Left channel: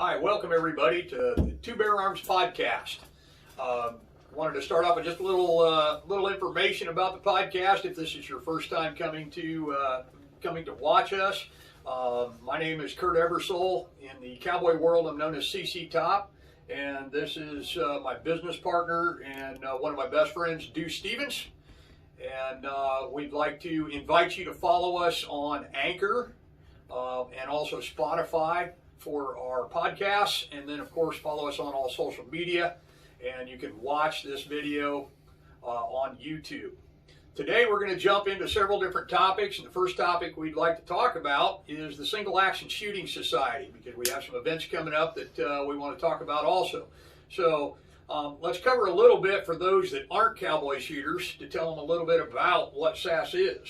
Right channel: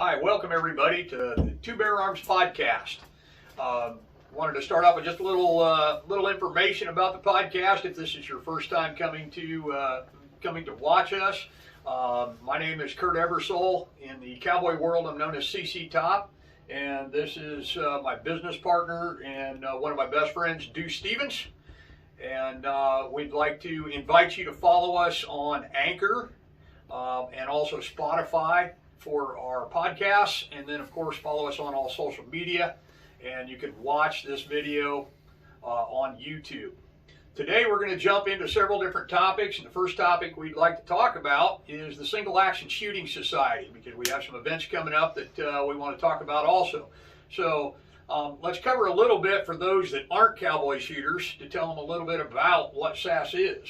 Hi, welcome everybody to the Firearms podcast. Wanted to start off with just a little information about the podcast. If this is your first time coming to watch us, my name is Kurt Eversole. In the Cowboy world, I'm known as CC Top, and this is my business partner and one of my best friends, Deuce Stevens. And we'd like to invite you to follow us on Anchor and also Spotify for our podcasts, and then of course follow us on all social media, and you can watch this video on YouTube. Today we're going to jump into several different topics, and the first topic we'd like to talk about is the Single Action Shooting Society, because we have some events coming up that we want to talk about also. So let's cover a little bit for those that aren't cowboy shooters, to tell them a little bit about what SASS is.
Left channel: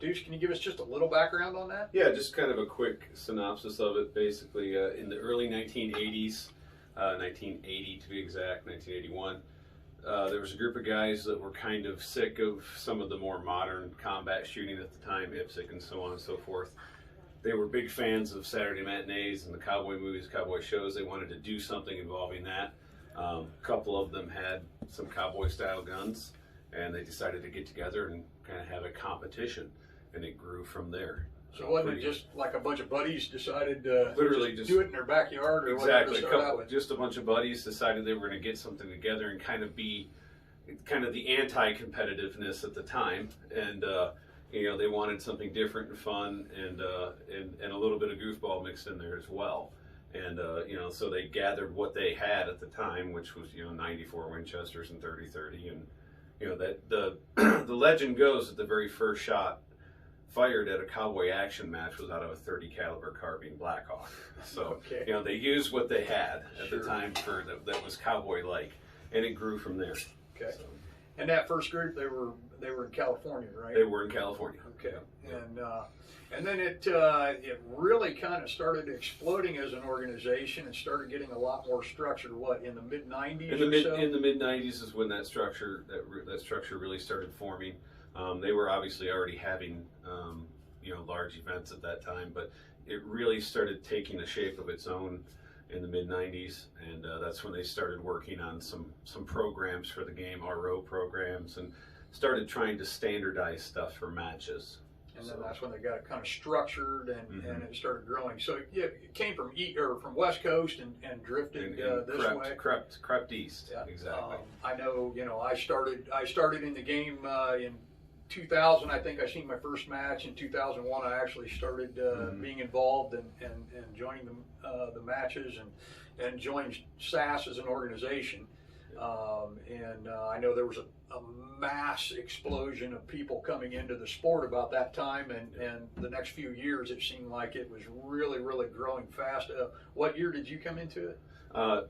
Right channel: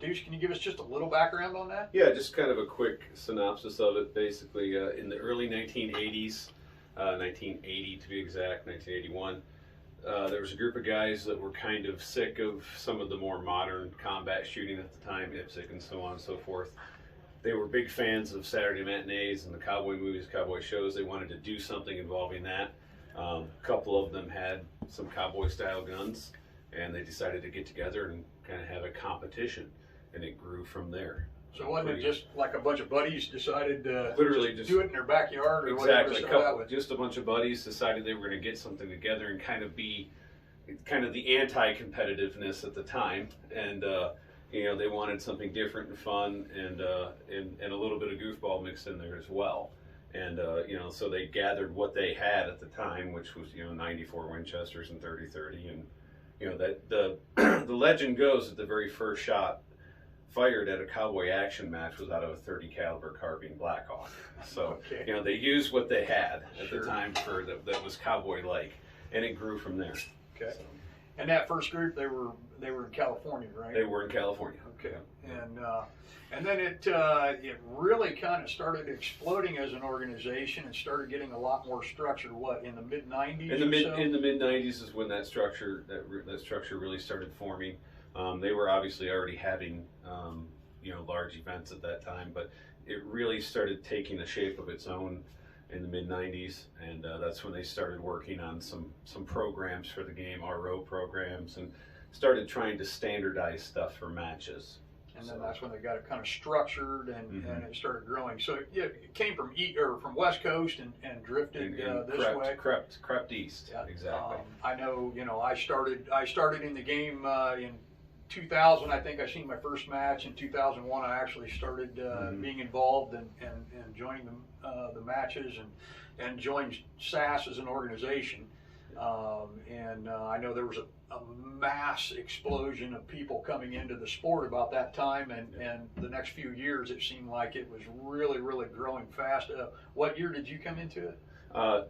Deuce, can you give us just a little background on that? Yeah, just kind of a quick synopsis of it. Basically, in the early 1980s, 1980 to be exact, 1981, there was a group of guys that were kind of sick of some of the more modern combat shooting at the time, IPSC and so on and so forth. They were big fans of Saturday matinees and the cowboy movies, cowboy shows. They wanted to do something involving that. A couple of them had some cowboy style guns, and they decided to get together and kind of have a competition, and it grew from there. So wasn't it just like a bunch of buddies decided to literally just do it in their backyard or exactly whatever? Just a bunch of buddies decided they were going to get something together and kind of be kind of the anti-competitiveness at the time, and you know, they wanted something different and fun, and a little bit of goofball mixed in there as well. And you know, so they gathered what they had at the time, which was, you know, 94 Winchesters and 30-30, and you know, that the legend goes that the very first shot fired at a cowboy action match was out of a 30 caliber carbine Blackhawk. So okay, you know, they used what they had at Sure. the time for that was cowboy like, and it grew from there. Okay. So, and that first group, they were in California, right? they were in California. Okay. And then it really kind of started exploding as an organization and started getting a lot more structure. What, in the mid 90s? In the mid 90s is when that structure really started forming. They were obviously already having you know, large events at that time, but it really started taking a shape of its own in the mid 90s, and that's when they started working on some programs for the game, RO programs, and started trying to standardize stuff for matches. And then that's when they got it kind of structured, and it started growing. So yeah, it came from West Coast and drifted this way. Crept east. Yeah, exactly. I know, you know, I started in the game in 2000. I think I seen my first match in 2001. I actually started being involved and joining the matches and joined SASS as an organization. I know there was a mass explosion of people coming into the sport about that time, and the next few years it seemed like it was really growing fast. What year did you come into it?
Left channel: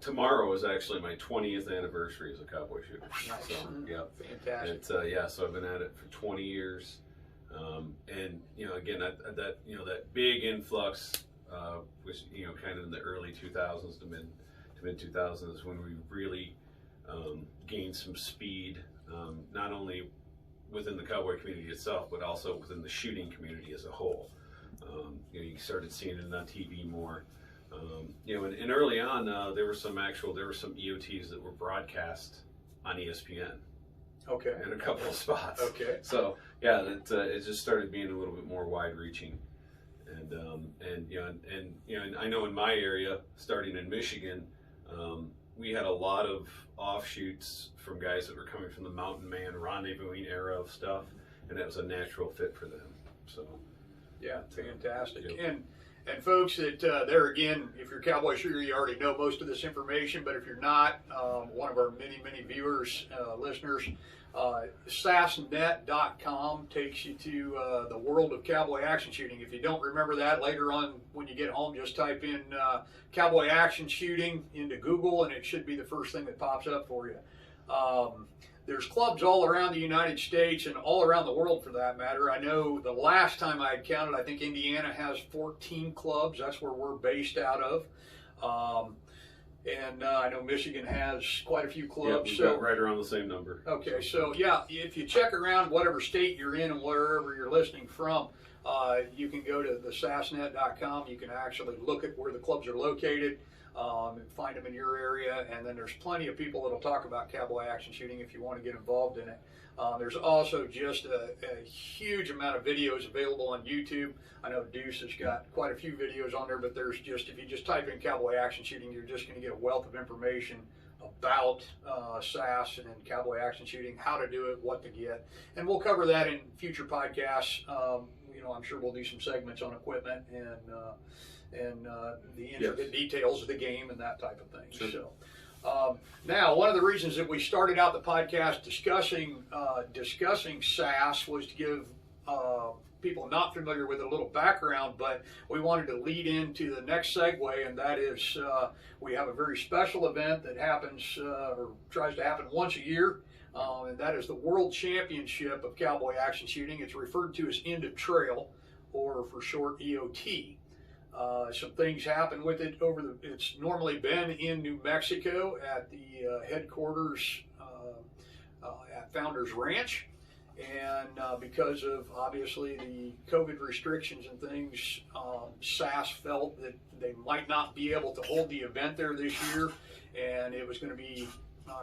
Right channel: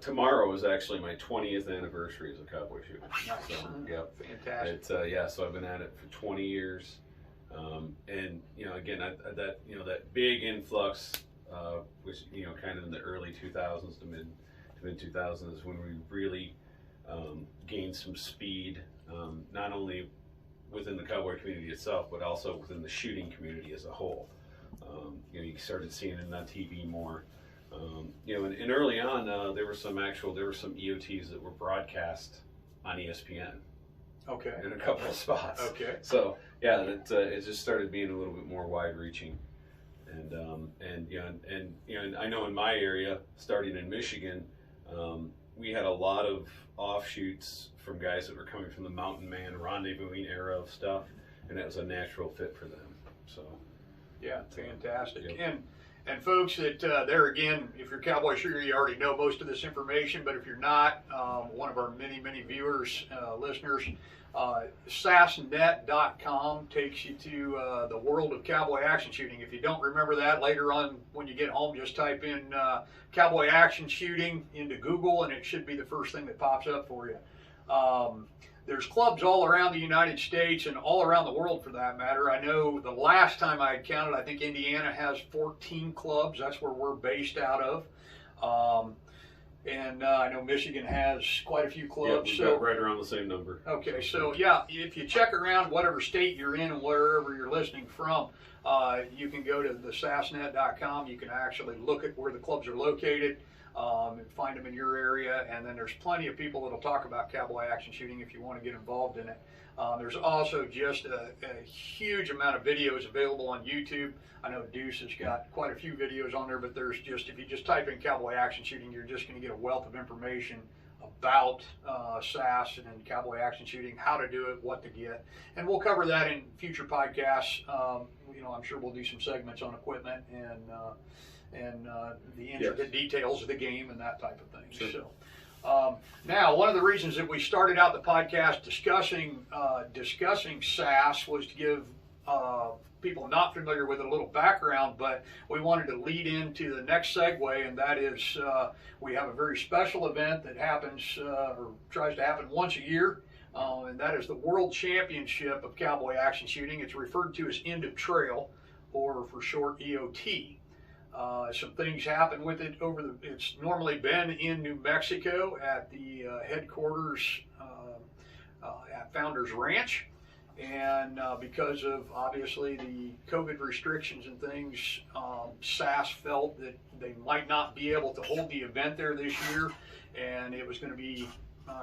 Tomorrow is actually my 20th anniversary as a cowboy shooter. Nice. So, yeah, Fantastic. yeah, so I've been at it for 20 years, and you know, again, that big influx was, you know, kind of in the early 2000s to mid 2000s is when we really gained some speed, not only within the cowboy community itself, but also within the shooting community as a whole. You know, you started seeing it on TV more. You know, and early on, there were some EOTs that were broadcast on ESPN. Okay. In a couple of spots. Okay. So yeah, it just started being a little bit more wide-reaching, and you know, and I know in my area, starting in Michigan, we had a lot of offshoots from guys that were coming from the mountain man rendezvousing era of stuff, and that was a natural fit for them. So yeah, fantastic. Yep. And folks, there again, if you're a cowboy shooter, you already know most of this information, but if you're not, one of our many viewers, listeners, SASSnet.com takes you to the world of cowboy action shooting. If you don't remember that, later on when you get home, just type in cowboy action shooting into Google, and it should be the first thing that pops up for you. There's clubs all around the United States and all around the world for that matter. I know the last time I had counted, I think Indiana has 14 clubs. That's where we're based out of. And I know Michigan has quite a few clubs. Yeah, we've got right around the same number. Okay, so yeah, if you check around whatever state you're in and wherever you're listening from, you can go to the SASSnet.com. You can actually look at where the clubs are located. Find them in your area, and then there's plenty of people that'll talk about cowboy action shooting if you want to get involved in it. There's also just a huge amount of videos available on YouTube. I know Deuce has got quite a few videos on there, but there's just, if you just type in cowboy action shooting, you're just going to get a wealth of information about SASS and cowboy action shooting, how to do it, what to get, and we'll cover that in future podcasts. I'm sure we'll do some segments on equipment and the intricate details of the game and that type of thing. Sure. So now, one of the reasons that we started out the podcast discussing SASS was to give people not familiar with it a little background, but we wanted to lead into the next segue, and that is we have a very special event that happens or tries to happen once a year, and that is the World Championship of Cowboy Action Shooting. It's referred to as End of Trail, or for short EOT. Some things happen with it it's normally been in New Mexico at the headquarters at Founders Ranch. And because of obviously the COVID restrictions and things, SASS felt that they might not be able to hold the event there this year, and it was going to be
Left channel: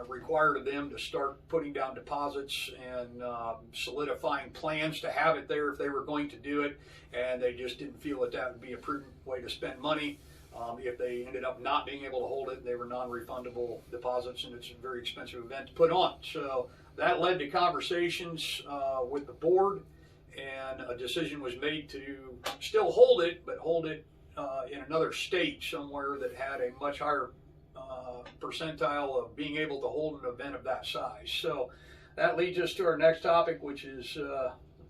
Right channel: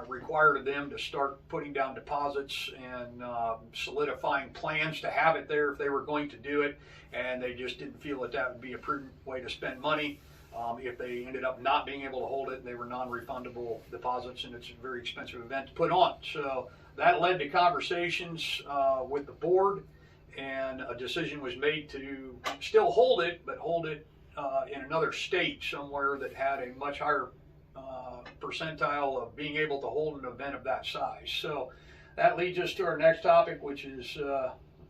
required of them to start putting down deposits and solidifying plans to have it there if they were going to do it, and they just didn't feel that that would be a prudent way to spend money. If they ended up not being able to hold it, they were non-refundable deposits, and it's a very expensive event to put on. So that led to conversations with the board, and a decision was made to still hold it, but hold it in another state somewhere that had a much higher percentile of being able to hold an event of that size. So that leads us to our next topic, which is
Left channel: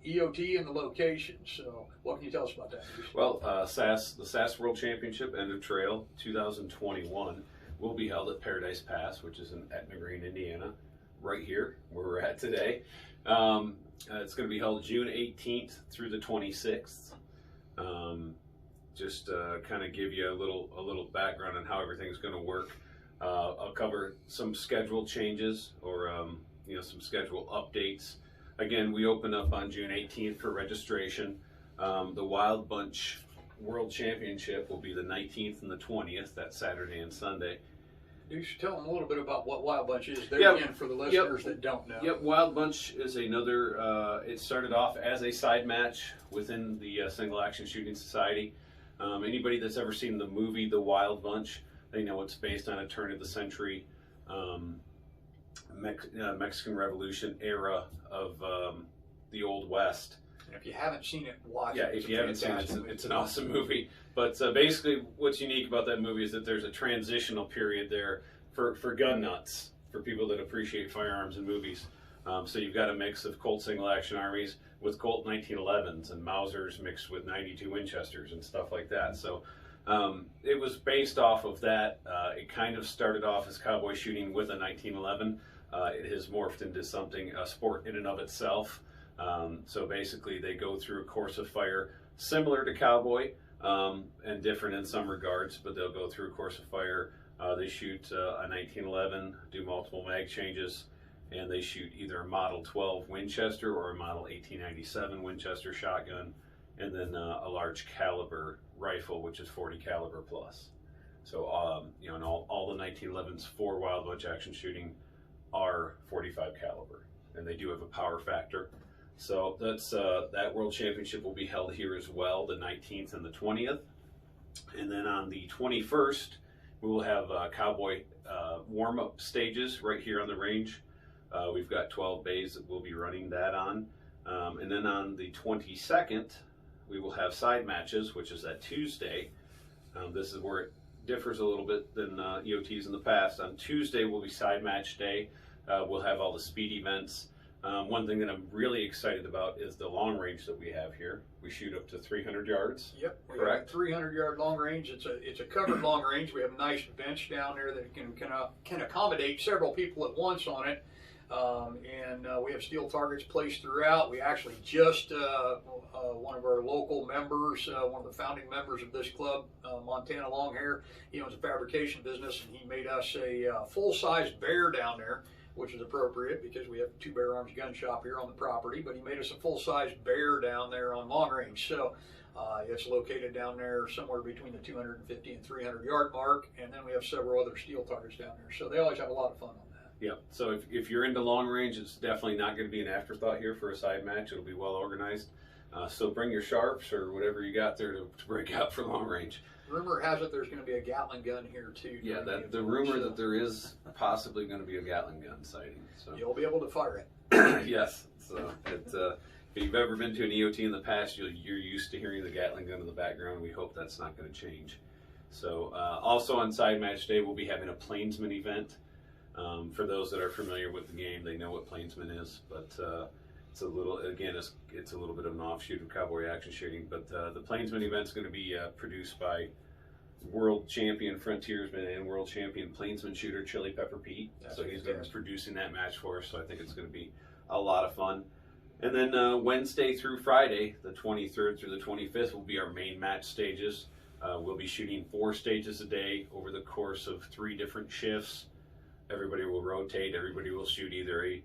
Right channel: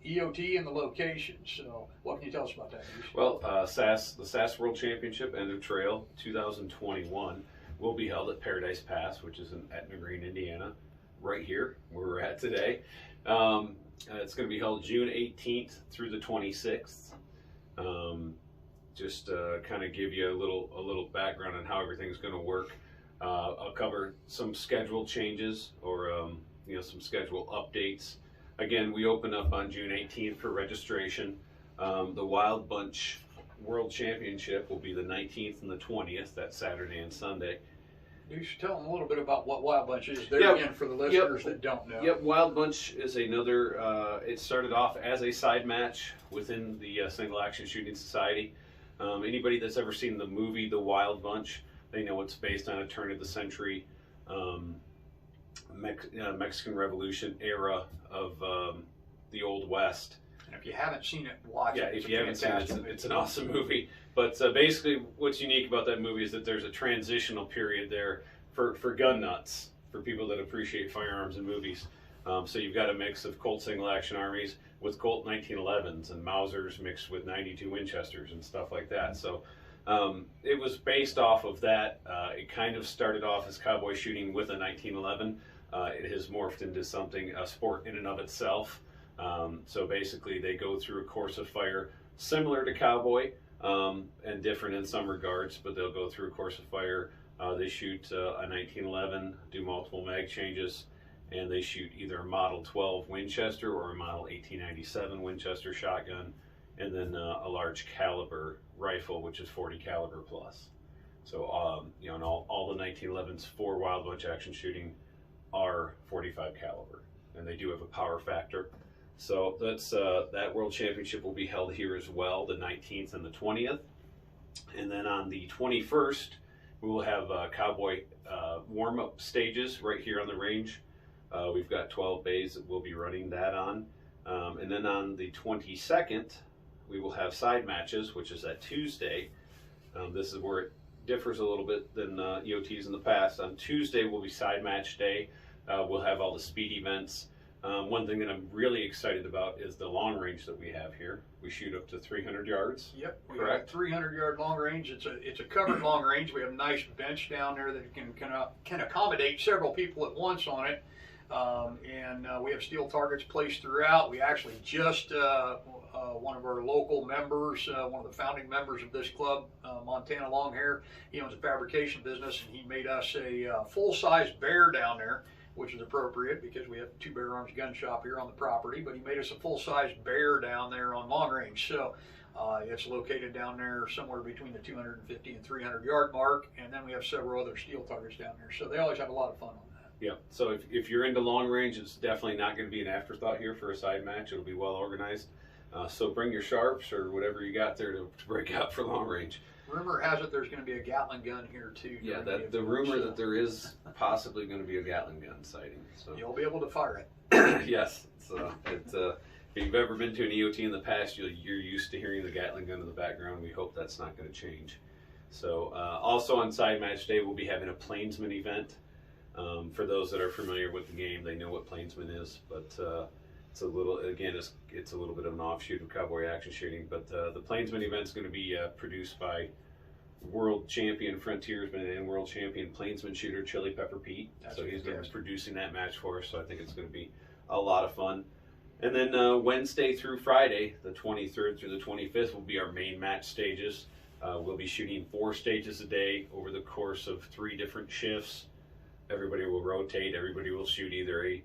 EOT and the location. So what can you tell us about that, Bruce? Well, the SASS World Championship End of Trail 2021 will be held at Paradise Pass, which is in Etna Green, Indiana, right here where we're at today. It's going to be held June 18th through the 26th. Just kind of give you a little background on how everything's going to work. I'll cover some schedule changes or some schedule updates. Again, we open up on June 18th for registration. The Wild Bunch World Championship will be the 19th and the 20th, that's Saturday and Sunday. You should tell them a little bit about what Wild Bunch is there again for the listeners that don't know. Yep, Wild Bunch is another, it started off as a side match within the Single Action Shooting Society. Anybody that's ever seen the movie The Wild Bunch, they know it's based on a turn of the century Mexican Revolution era of the Old West. And if you haven't seen it, watch it. Yeah, if you haven't seen it, it's an awesome movie. But basically, what's unique about that movie is that there's a transitional period there for gun nuts, for people that appreciate firearms and movies. So you've got a mix of Colt Single Action Armies with Colt 1911s and Mausers mixed with 92 Winchesters and stuff like that. So it was based off of that. It kind of started off as cowboy shooting with a 1911. It has morphed into something, a sport in and of itself. So basically they go through a course of fire similar to cowboy and different in some regards, but they'll go through a course of fire. They shoot a 1911, do multiple mag changes, and they shoot either a Model 12 Winchester or a Model 1897 Winchester shotgun, and then a large caliber rifle, which is 40 caliber plus. So, and all the 1911s for Wild Bunch action shooting are 45 caliber, and they do have a power factor. So that's that World Championship will be held here as well, the 19th and the 20th. And then on the 21st, we will have cowboy warm-up stages right here on the range. We've got 12 bays that we'll be running that on. And then on the 22nd, we will have side matches, which is that Tuesday. This is where it differs a little bit than EOTs in the past. On Tuesday will be side match day. We'll have all the speed events. One thing that I'm really excited about is the long range that we have here. We shoot up to 300 yards. Yep, we have a 300-yard long range. It's a covered long range. We have a nice bench down there that can accommodate several people at once on it. And we have steel targets placed throughout. We actually just, one of our local members, one of the founding members of this club, Montana Longhair, he owns a fabrication business, and he made us a full-size bear down there, which is appropriate because we have a 2 Bear Arms gun shop here on the property, but he made us a full-size bear down there on long range. So It's located down there somewhere between the 250 and 300 yard mark, and then we have several other steel targets down there. So they always have a lot of fun on that. Yeah, so if you're into long range, it's definitely not going to be an afterthought here for a side match. It'll be well organized. So bring your sharps or whatever you got there to break out for long range. Rumor has it there's going to be a Gatling gun here too. Yeah, the rumor that there is possibly going to be a Gatling gun sighting. So you'll be able to fire it. Yes, so if you've ever been to an EOT in the past, you're used to hearing the Gatling gun in the background. We hope that's not going to change. So also on side match day, we'll be having a Plainsman event. For those that are familiar with the game, they know what Plainsman is, but it's a little, again, it's a little bit of an offshoot of Cowboy action shooting. But the Plainsman event is going to be produced by world champion frontiersman and world champion Plainsman shooter Chili Pepper Pete. So he's going to be producing that match for us. So I think it's going to be a lot of fun. And then Wednesday through Friday, the 23rd through the 25th, will be our main match stages. We'll be shooting 4 stages a day over the course of 3 different shifts. Everybody will rotate. Everybody will shoot either a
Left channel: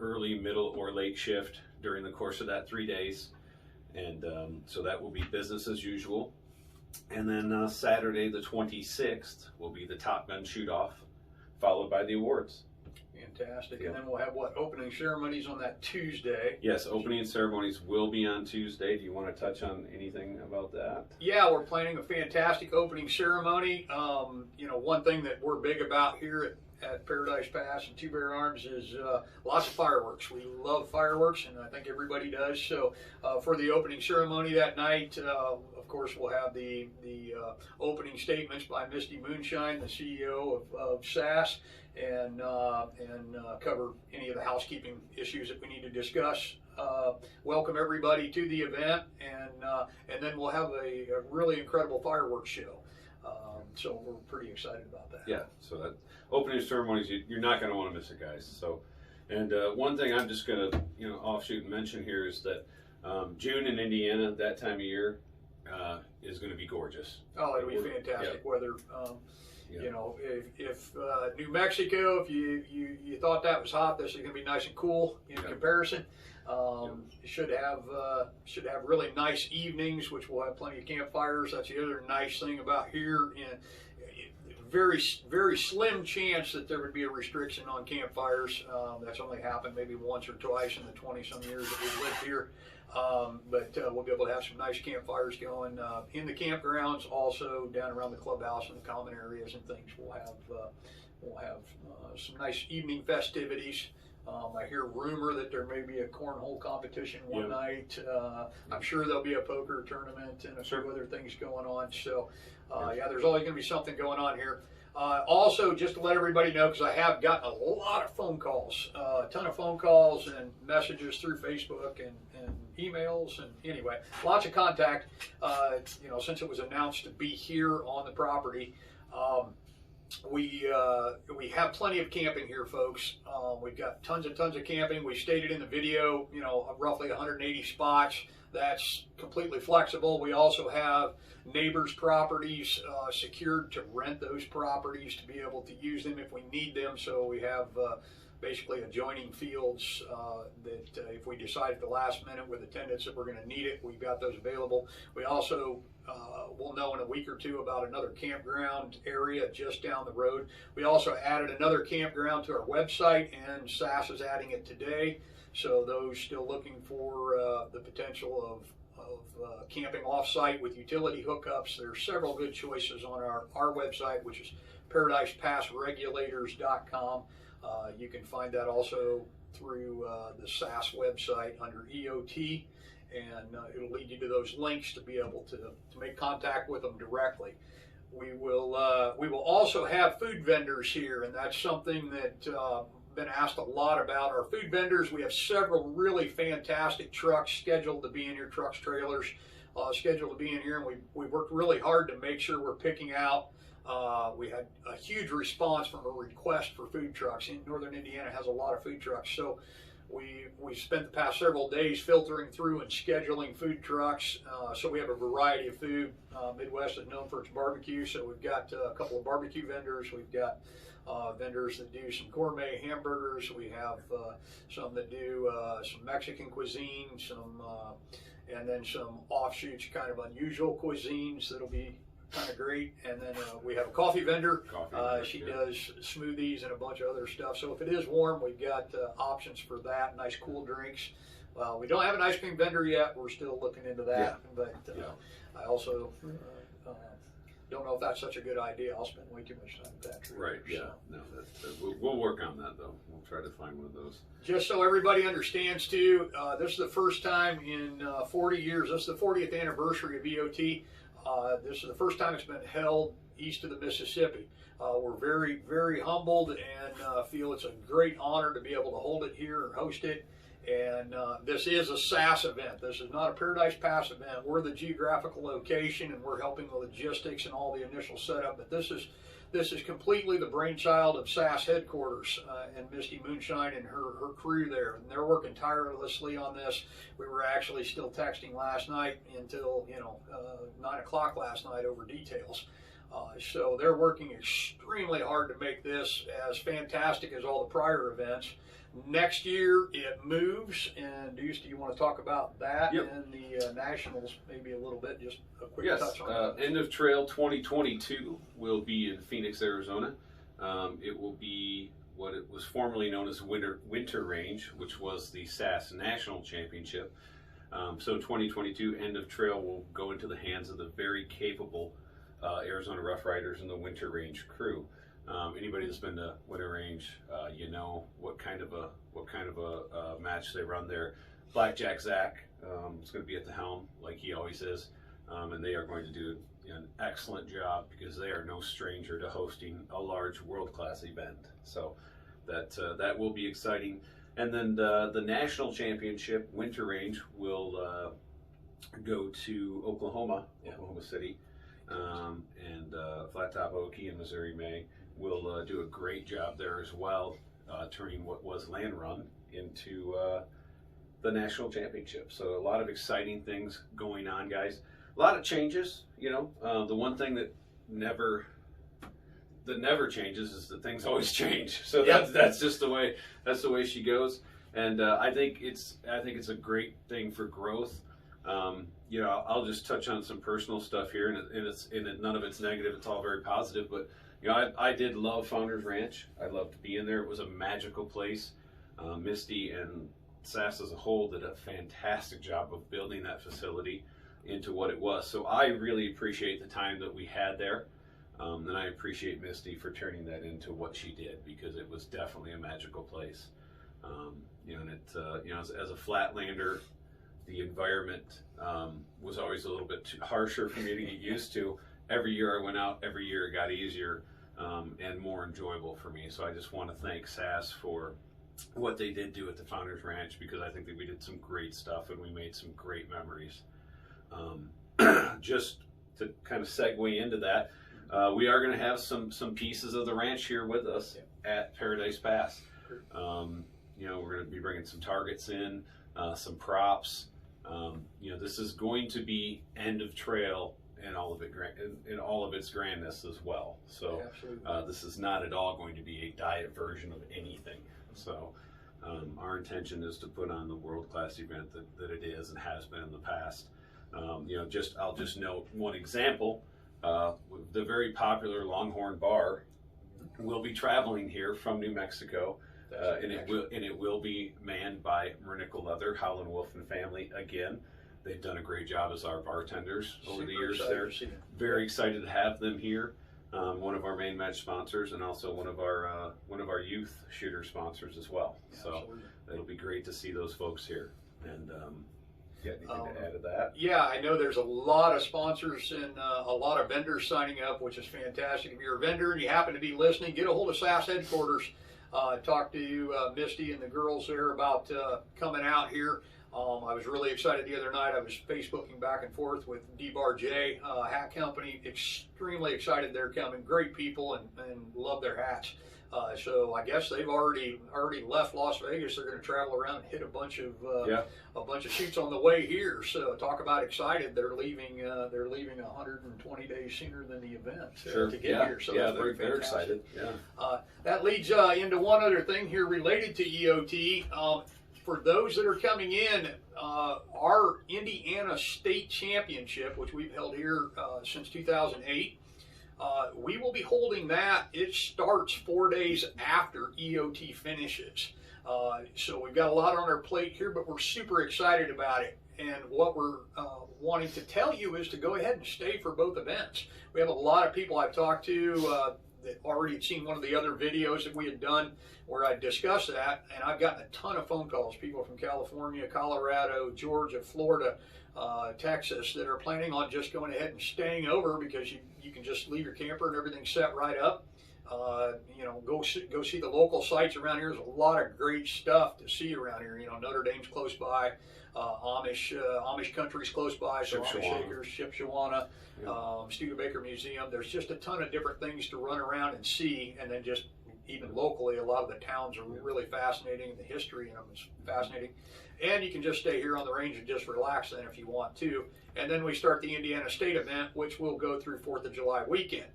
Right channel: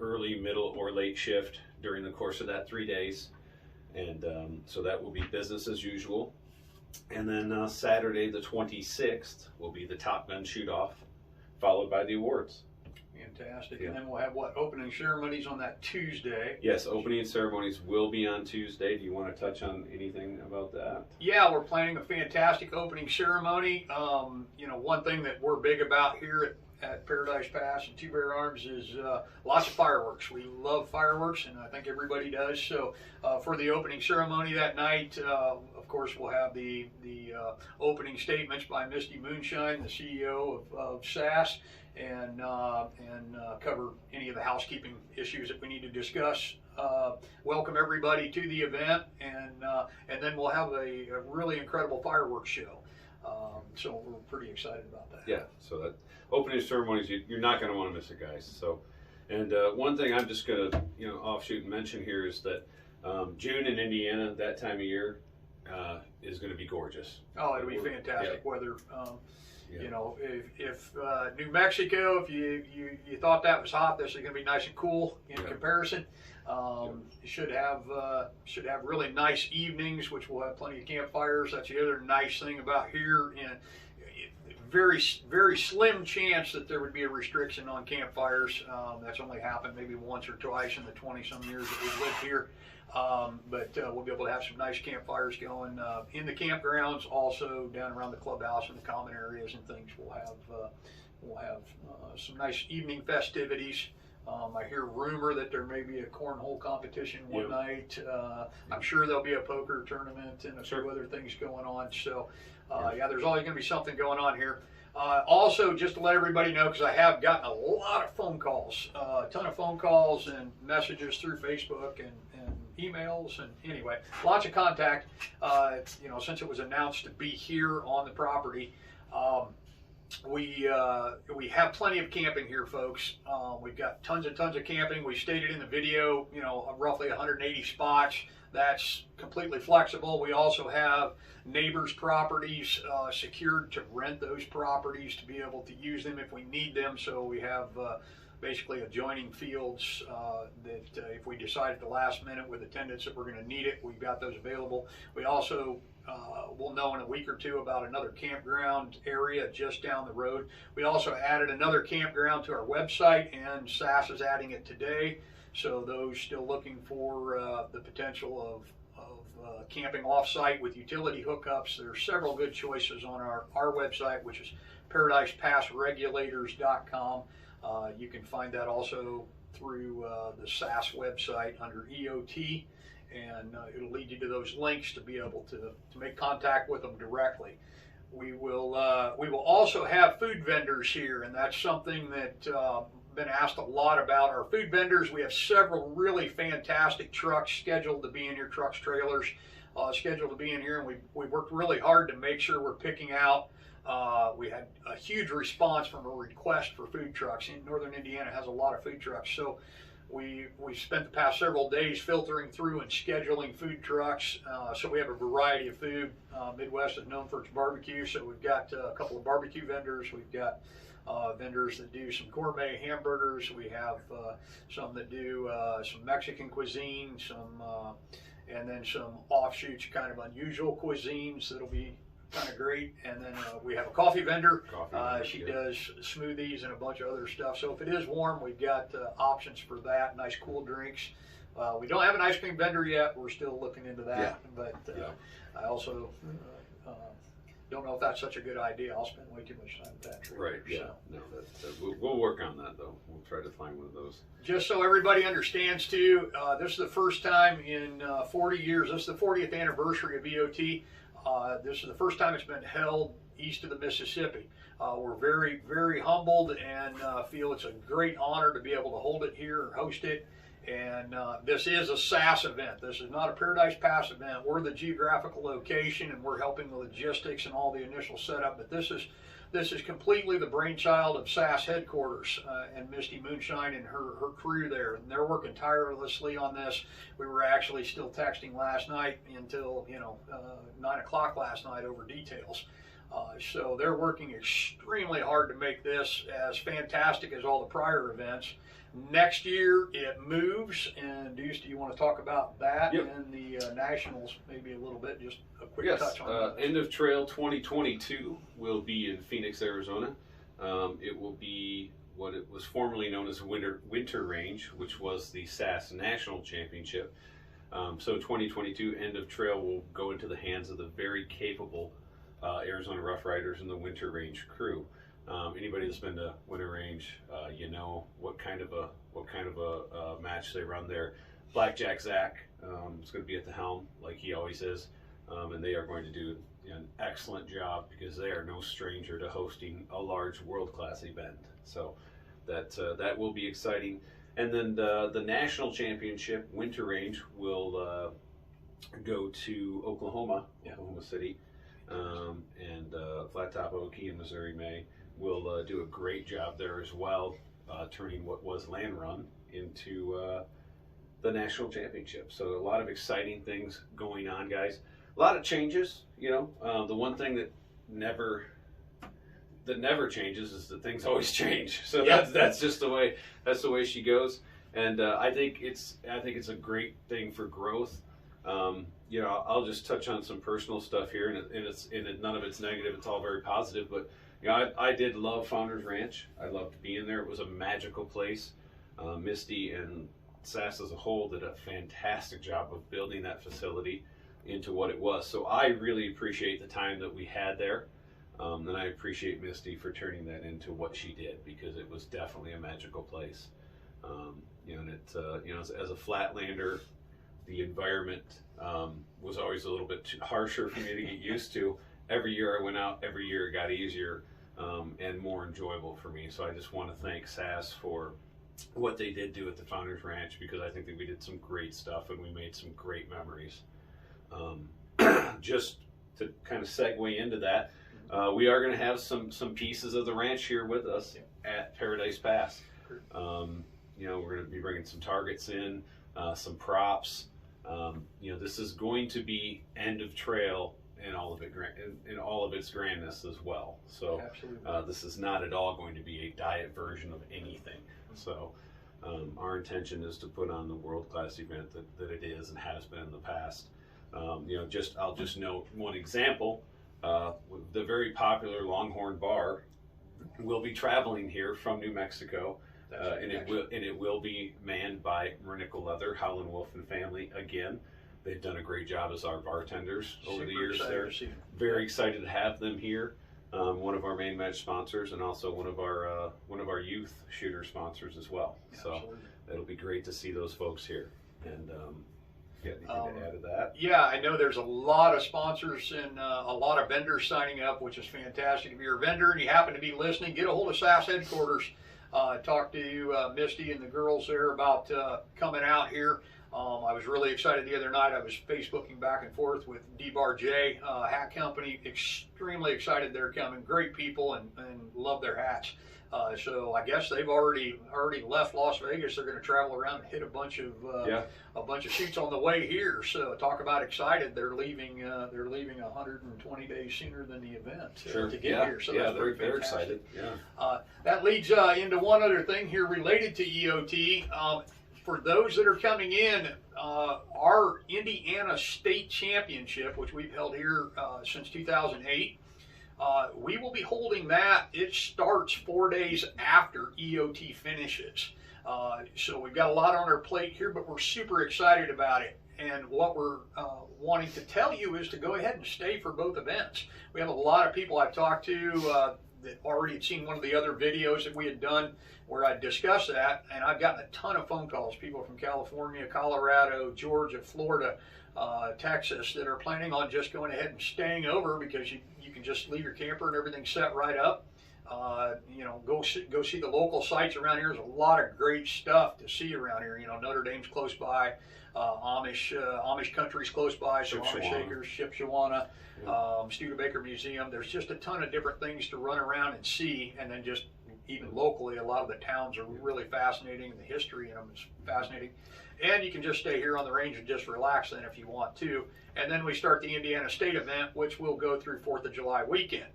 early, middle, or late shift during the course of that 3 days, and so that will be business as usual. And then Saturday the 26th will be the Top Gun shoot-off, followed by the awards. Fantastic. Yeah. And then we'll have opening ceremonies on that Tuesday. Yes, opening ceremonies will be on Tuesday. Do you want to touch on anything about that? Yeah, we're planning a fantastic opening ceremony. One thing that we're big about here at Paradise Pass and Two Bear Arms is lots of fireworks. We love fireworks, and I think everybody does. So for the opening ceremony that night, of course, we'll have the opening statements by Misty Moonshine, the CEO of SASS, and cover any of the housekeeping issues that we need to discuss. Welcome everybody to the event, and then we'll have a really incredible fireworks show. So we're pretty excited about that. Yeah, so that opening ceremonies, you're not going to want to miss it, guys. So, and one thing I'm just going to offshoot and mention here is that June in Indiana, that time of year, is going to be gorgeous. Oh, it'll be fantastic weather. Yeah. If New Mexico, if you thought that was hot, this is going to be nice and cool in comparison. Should have really nice evenings, which will have plenty of campfires. That's the other nice thing about here. And very, very slim chance that there would be a restriction on campfires. That's only happened maybe once or twice in the 20-some years that we've lived here. But we'll be able to have some nice campfires going in the campgrounds, also down around the clubhouse and the common areas and things. We'll have some nice evening festivities. I hear rumor that there may be a cornhole competition one night. I'm sure there'll be a poker tournament and a few other things going on. So, there's always going to be something going on here. Also, just to let everybody know, because I have gotten a lot of phone calls, a ton of phone calls and messages through Facebook and emails, and anyway, lots of contact. Since it was announced to be here on the property. We have plenty of camping here, folks. We've got tons and tons of camping. We stated in the video, roughly 180 spots. That's completely flexible. We also have neighbors' properties secured to rent those properties to be able to use them if we need them. So we have basically adjoining fields that if we decide at the last minute with attendance that we're going to need it, we've got those available. We also we'll know in a week or two about another campground area just down the road. We also added another campground to our website, and SASS is adding it today. So those still looking for the potential of camping off-site with utility hookups, there's several good choices on our website, which is ParadisePassRegulators.com. You can find that also through the SASS website under EOT, and it'll lead you to those links to be able to make contact with them directly. We will also have food vendors here, and that's something that been asked a lot about. Our food vendors, we have several really fantastic trucks scheduled to be in here, trucks, trailers scheduled to be in here, and we worked really hard to make sure we're picking out. We had a huge response from a request for food trucks. In Northern Indiana has a lot of food trucks, so we spent the past several days filtering through and scheduling food trucks. So we have a variety of food. Midwest is known for its barbecue, so we've got a couple of barbecue vendors. We've got vendors that do some gourmet hamburgers. We have some that do some Mexican cuisine, and then some offshoots, kind of unusual cuisines that'll be kind of great. And then we have a coffee vendor. She does smoothies and a bunch of other stuff. So if it is warm, we've got options for that. Nice cool drinks. We don't have an ice cream vendor yet. We're still looking into that. But I also don't know if that's such a good idea. I'll spend way too much time with that. Right. Yeah. So. No, we'll work on that though. We'll try to find one of those. Just so everybody understands too, this is the first time in 40 years. This is the 40th anniversary of EOT. This is the first time it's been held east of the Mississippi. We're very, very humbled and feel it's a great honor to be able to hold it here and host it. And this is a SASS event. This is not a Paradise Pass event. We're the geographical location, and we're helping the logistics and all the initial setup. But this is completely the brainchild of SASS headquarters and Misty Moonshine and her crew there. And they're working tirelessly on this. We were actually still texting last night until 9 o'clock last night over details. So they're working extremely hard to make this as fantastic as all the prior events. Next year it moves, and Deuce, do you want to talk about that and the Nationals maybe a little bit, just a quick touch on that? End of Trail 2022 will be in Phoenix, Arizona. It will be what it was formerly known as Winter Range, which was the SASS National Championship. So 2022 End of Trail will go into the hands of the very capable Arizona Rough Riders and the Winter Range crew. Anybody that's been to Winter Range, you know what kind of a match they run there. Blackjack Zach is going to be at the helm, like he always is, and they are going to do an excellent job because they are no stranger to hosting a large world-class event. So that will be exciting. And then the National Championship Winter Range will go to Oklahoma City, and Flat Top Okie and Missouri May will do a great job there as well, turning what was Land Run into the National Championship. So a lot of exciting things going on, guys. A lot of changes, the one thing that never changes is that things always change. So that's just the way she goes. And I think it's a great thing for growth. I'll just touch on some personal stuff here, and none of it's negative. It's all very positive. But I did love Founders Ranch. I loved being there. It was a magical place. Misty and SASS as a whole did a fantastic job of building that facility into what it was. So I really appreciate the time that we had there. And I appreciate Misty for turning that into what she did, because it was definitely a magical place. As a Flatlander, the environment was always a little bit too harsher for me to get used to. Every year I went out, every year it got easier and more enjoyable for me. So I just want to thank SASS for what they did do at the Founders Ranch, because I think that we did some great stuff and we made some great memories. Just to kind of segue into that, we are going to have some pieces of the ranch here with us at Paradise Pass. We're going to be bringing some targets in, some props. This is going to be end of trail in all of its grandness as well. So this is not at all going to be a diet version of anything. So our intention is to put on the world-class event that it is and has been in the past. I'll just note one example. The very popular Longhorn Bar will be traveling here from New Mexico, and it will be manned by Nickel Leather, Howlin' Wolf and family again. They've done a great job as our bartenders over the years there. Very excited to have them here. One of our main match sponsors, and also one of our youth shooter sponsors as well. So it'll be great to see those folks here. And anything to add to that? Yeah, I know there's a lot of sponsors and a lot of vendors signing up, which is fantastic. If you're a vendor and you happen to be listening, get a hold of SASS headquarters. Talk to Misty and the girls there about coming out here. I was really excited the other night. I was Facebooking back and forth with D-Bar J Hat Company. Extremely excited they're coming. Great people and love their hats. So I guess they've already left Las Vegas. They're going to travel around and hit a bunch of shoots on the way here. So talk about excited. They're leaving 120 days sooner than the event to get here. So they're excited. That leads into one other thing here related to EOT. for those that are coming in, our Indiana State Championship, which we've held here since 2008, we will be holding that. It starts 4 days after EOT finishes. So we've got a lot on our plate here, but we're super excited about it. And what we're wanting to tell you is to go ahead and stay for both events. We have a lot of people I've talked to that already had seen one of the other videos that we had done where I discussed that, and I've gotten a ton of phone calls, people from California, Colorado, Georgia, Florida, Texas, that are planning on just going ahead and staying over because you can just leave your camper and everything's set right up. You know, go see the local sites around here. There's a lot of great stuff to see around here. You know, Notre Dame's close by, Amish country's close by, so Amish Acres, Shipshewana, Studebaker Museum. There's just a ton of different things to run around and see, and then just even locally, a lot of the towns are really fascinating. The history in them is fascinating. And you can just stay here on the range and just relax then if you want to. And then we start the Indiana State event, which will go through 4th of July weekend.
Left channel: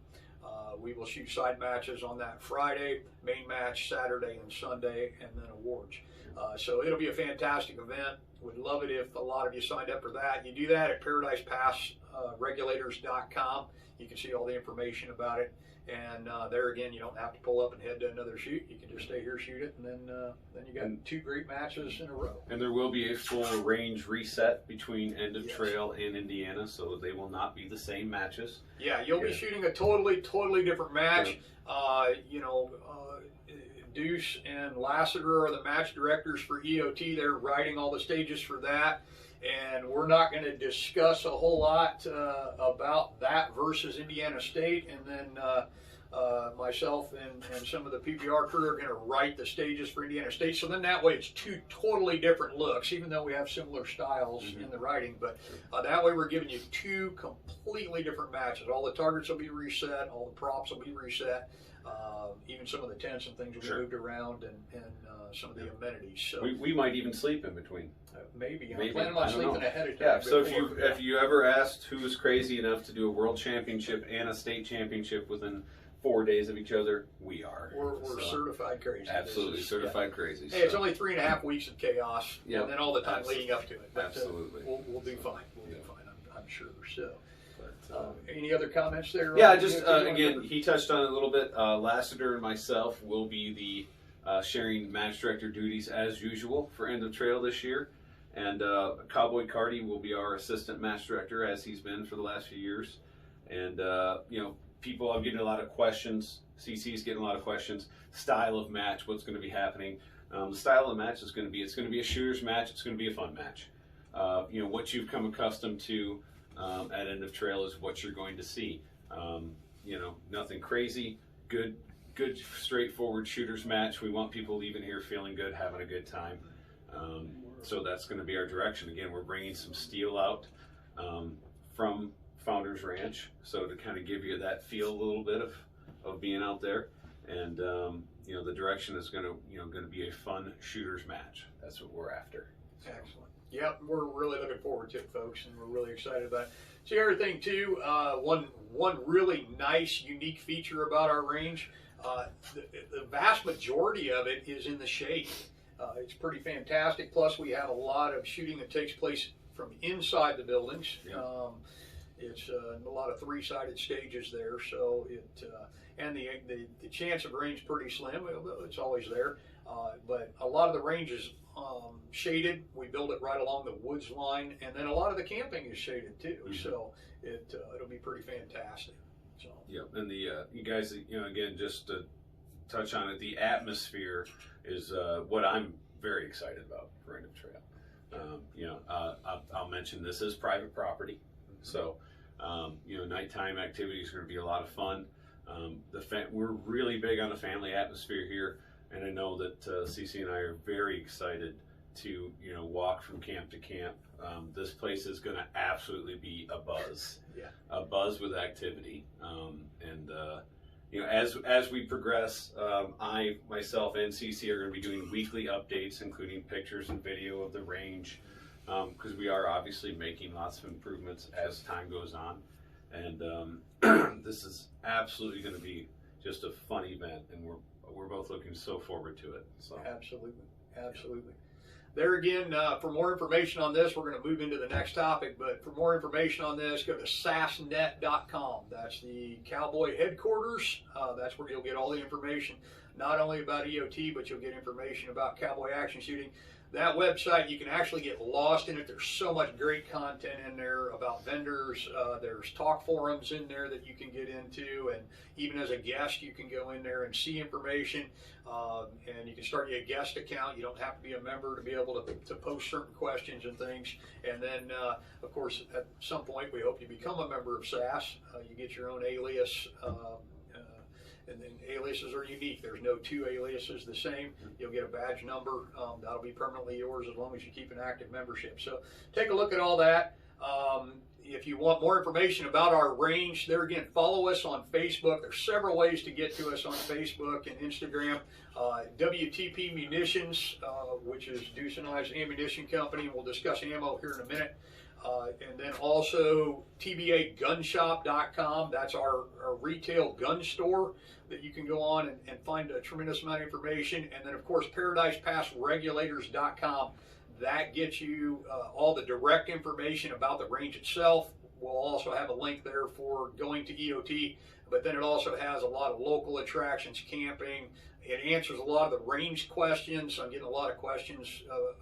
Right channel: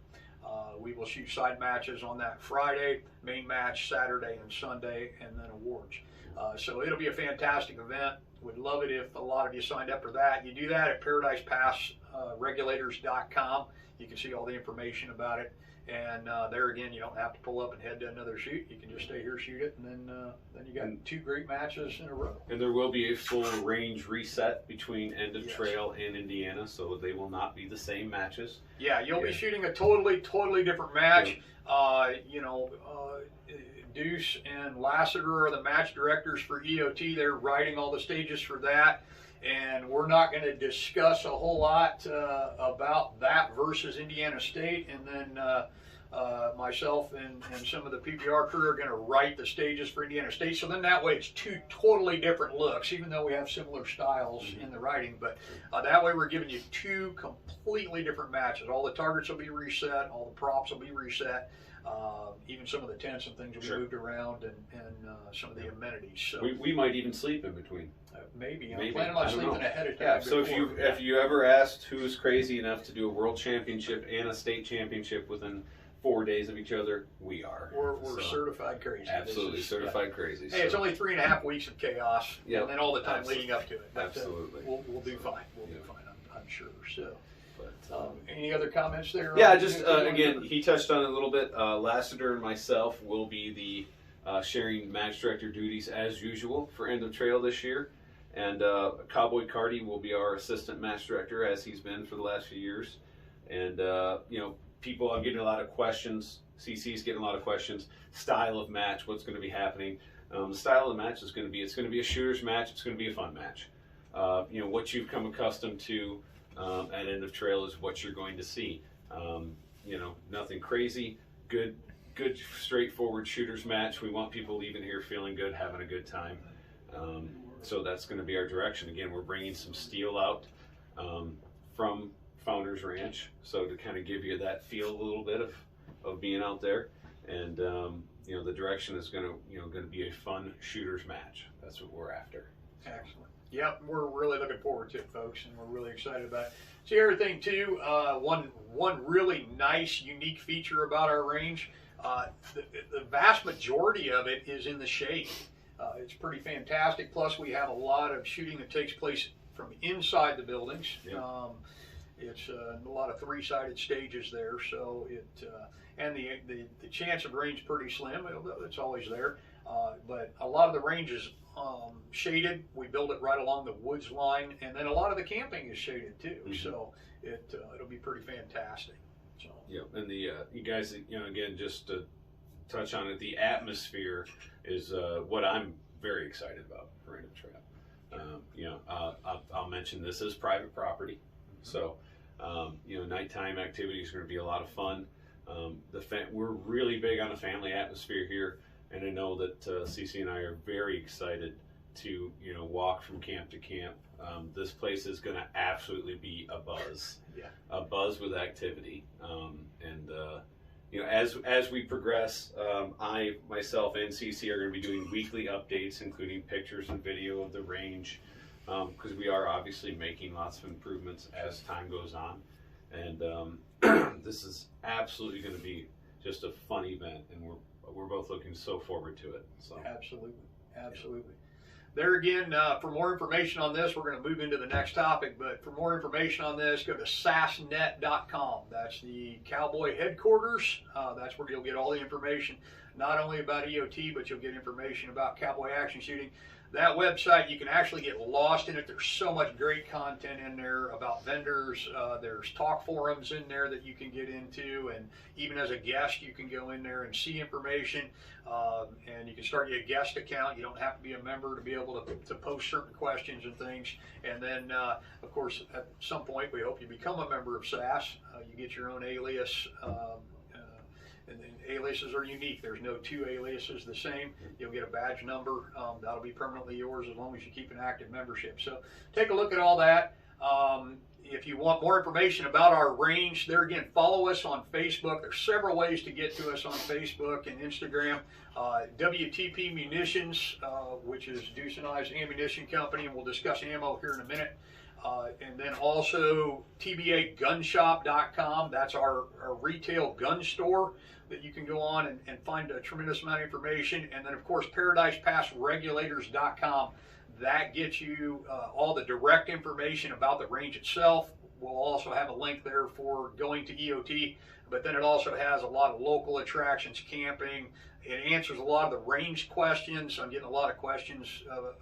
We will shoot side matches on that Friday, main match Saturday and Sunday, and then awards. So it'll be a fantastic event. Would love it if a lot of you signed up for that. You do that at ParadisePassRegulators.com. You can see all the information about it. And there again, you don't have to pull up and head to another shoot. You can just stay here, shoot it, and then you got 2 great matches in a row. And there will be a full range reset between End of Trail and Indiana, so they will not be the same matches. Yeah, you'll be shooting a totally different match. You know, Deuce and Lassiter are the match directors for EOT. They're writing all the stages for that. And we're not going to discuss a whole lot about that versus Indiana State. And then myself and some of the PBR crew are going to write the stages for Indiana State. So then that way it's 2 totally different looks, even though we have similar styles in the writing. But that way we're giving you 2 completely different matches. All the targets will be reset. All the props will be reset. Even some of the tents and things will be moved around, and some of the amenities. So we might even sleep in between. Maybe. I'm planning on sleeping ahead of time. Yeah. So if you ever asked who was crazy enough to do a world championship and a state championship within 4 days of each other, we are. We're certified crazy. Absolutely certified crazy. Hey, it's only 3.5 weeks of chaos, and then all the time leading up to it. But, absolutely. We'll do fine. We'll do fine. I'm sure. So. Any other comments there? Yeah, just again, he touched on it a little bit. Lassiter and myself will be the sharing match director duties as usual for End of Trail this year, and Cowboy Carty will be our assistant match director as he's been for the last few years. And you know, I'm getting a lot of questions. CC's getting a lot of questions. Style of match, what's going to be happening? The style of the match is going to be, it's going to be a shooter's match. It's going to be a fun match. You know, what you've come accustomed to at End of Trail is what you're going to see. You know, nothing crazy. Good, straightforward shooter's match. We want people leaving here feeling good, having a good time. So that's going to be our direction. Again, we're bringing some steel out from Founders Ranch, so to kind of give you that feel a little bit of being out there. And you know, the direction is going to be a fun shooter's match. That's what we're after. Excellent. Yep, we're really looking forward to it, folks, and we're really excited about it. So the other thing too, one really nice, unique feature about our range, the vast majority of it is in the shade. It's pretty fantastic. Plus, we have a lot of shooting that takes place from inside the buildings. Yep. It's a lot of 3-sided stages there, so and the chance of rain's pretty slim. It's always there, but a lot of the range is shaded. We build it right along the woods line, and then a lot of the camping is shaded too. So it'll be pretty fantastic. So and the you guys, you know, again, just to touch on it, the atmosphere is what I'm very excited about for End of Trail. You know, I'll mention this is private property, so you know, nighttime activities are going to be a lot of fun. We're really big on the family atmosphere here, and I know that CC and I are very excited to, you know, walk from camp to camp. This place is going to absolutely be a buzz, a buzz with activity. And you know, as we progress, I myself and CC are going to be doing weekly updates, including pictures and video of the range, because we are obviously making lots of improvements as time goes on. And this is absolutely going to be just a fun event, and we're both looking so forward to it. So absolutely. There again, for more information on this, we're going to move into the next topic, but for more information on this, go to sassnet.com. That's the Cowboy headquarters. That's where you'll get all the information, not only about EOT, but you'll get information about cowboy action shooting. That website, you can actually get lost in it. There's so much great content in there about vendors. There's talk forums in there that you can get into, and even as a guest, you can go in there and see information. And you can start your guest account. You don't have to be a member to be able to post certain questions and things. And then, of course, at some point, we hope you become a member of SASS. You get your own alias. And then aliases are unique. There's no two aliases the same. You'll get a badge number. That'll be permanently yours as long as you keep an active membership. So take a look at all that. If you want more information about our range, there again, follow us on Facebook. There's several ways to get to us on Facebook and Instagram. WTP Munitions, which is Deuce and I's ammunition company, and we'll discuss ammo here in a minute. And then also tbagunshop.com. That's our retail gun store that you can go on and find a tremendous amount of information. And then, of course, ParadisePassRegulators.com. That gets you all the direct information about the range itself. We'll also have a link there for going to EOT, but then it also has a lot of local attractions, camping. It answers a lot of the range questions. I'm getting a lot of questions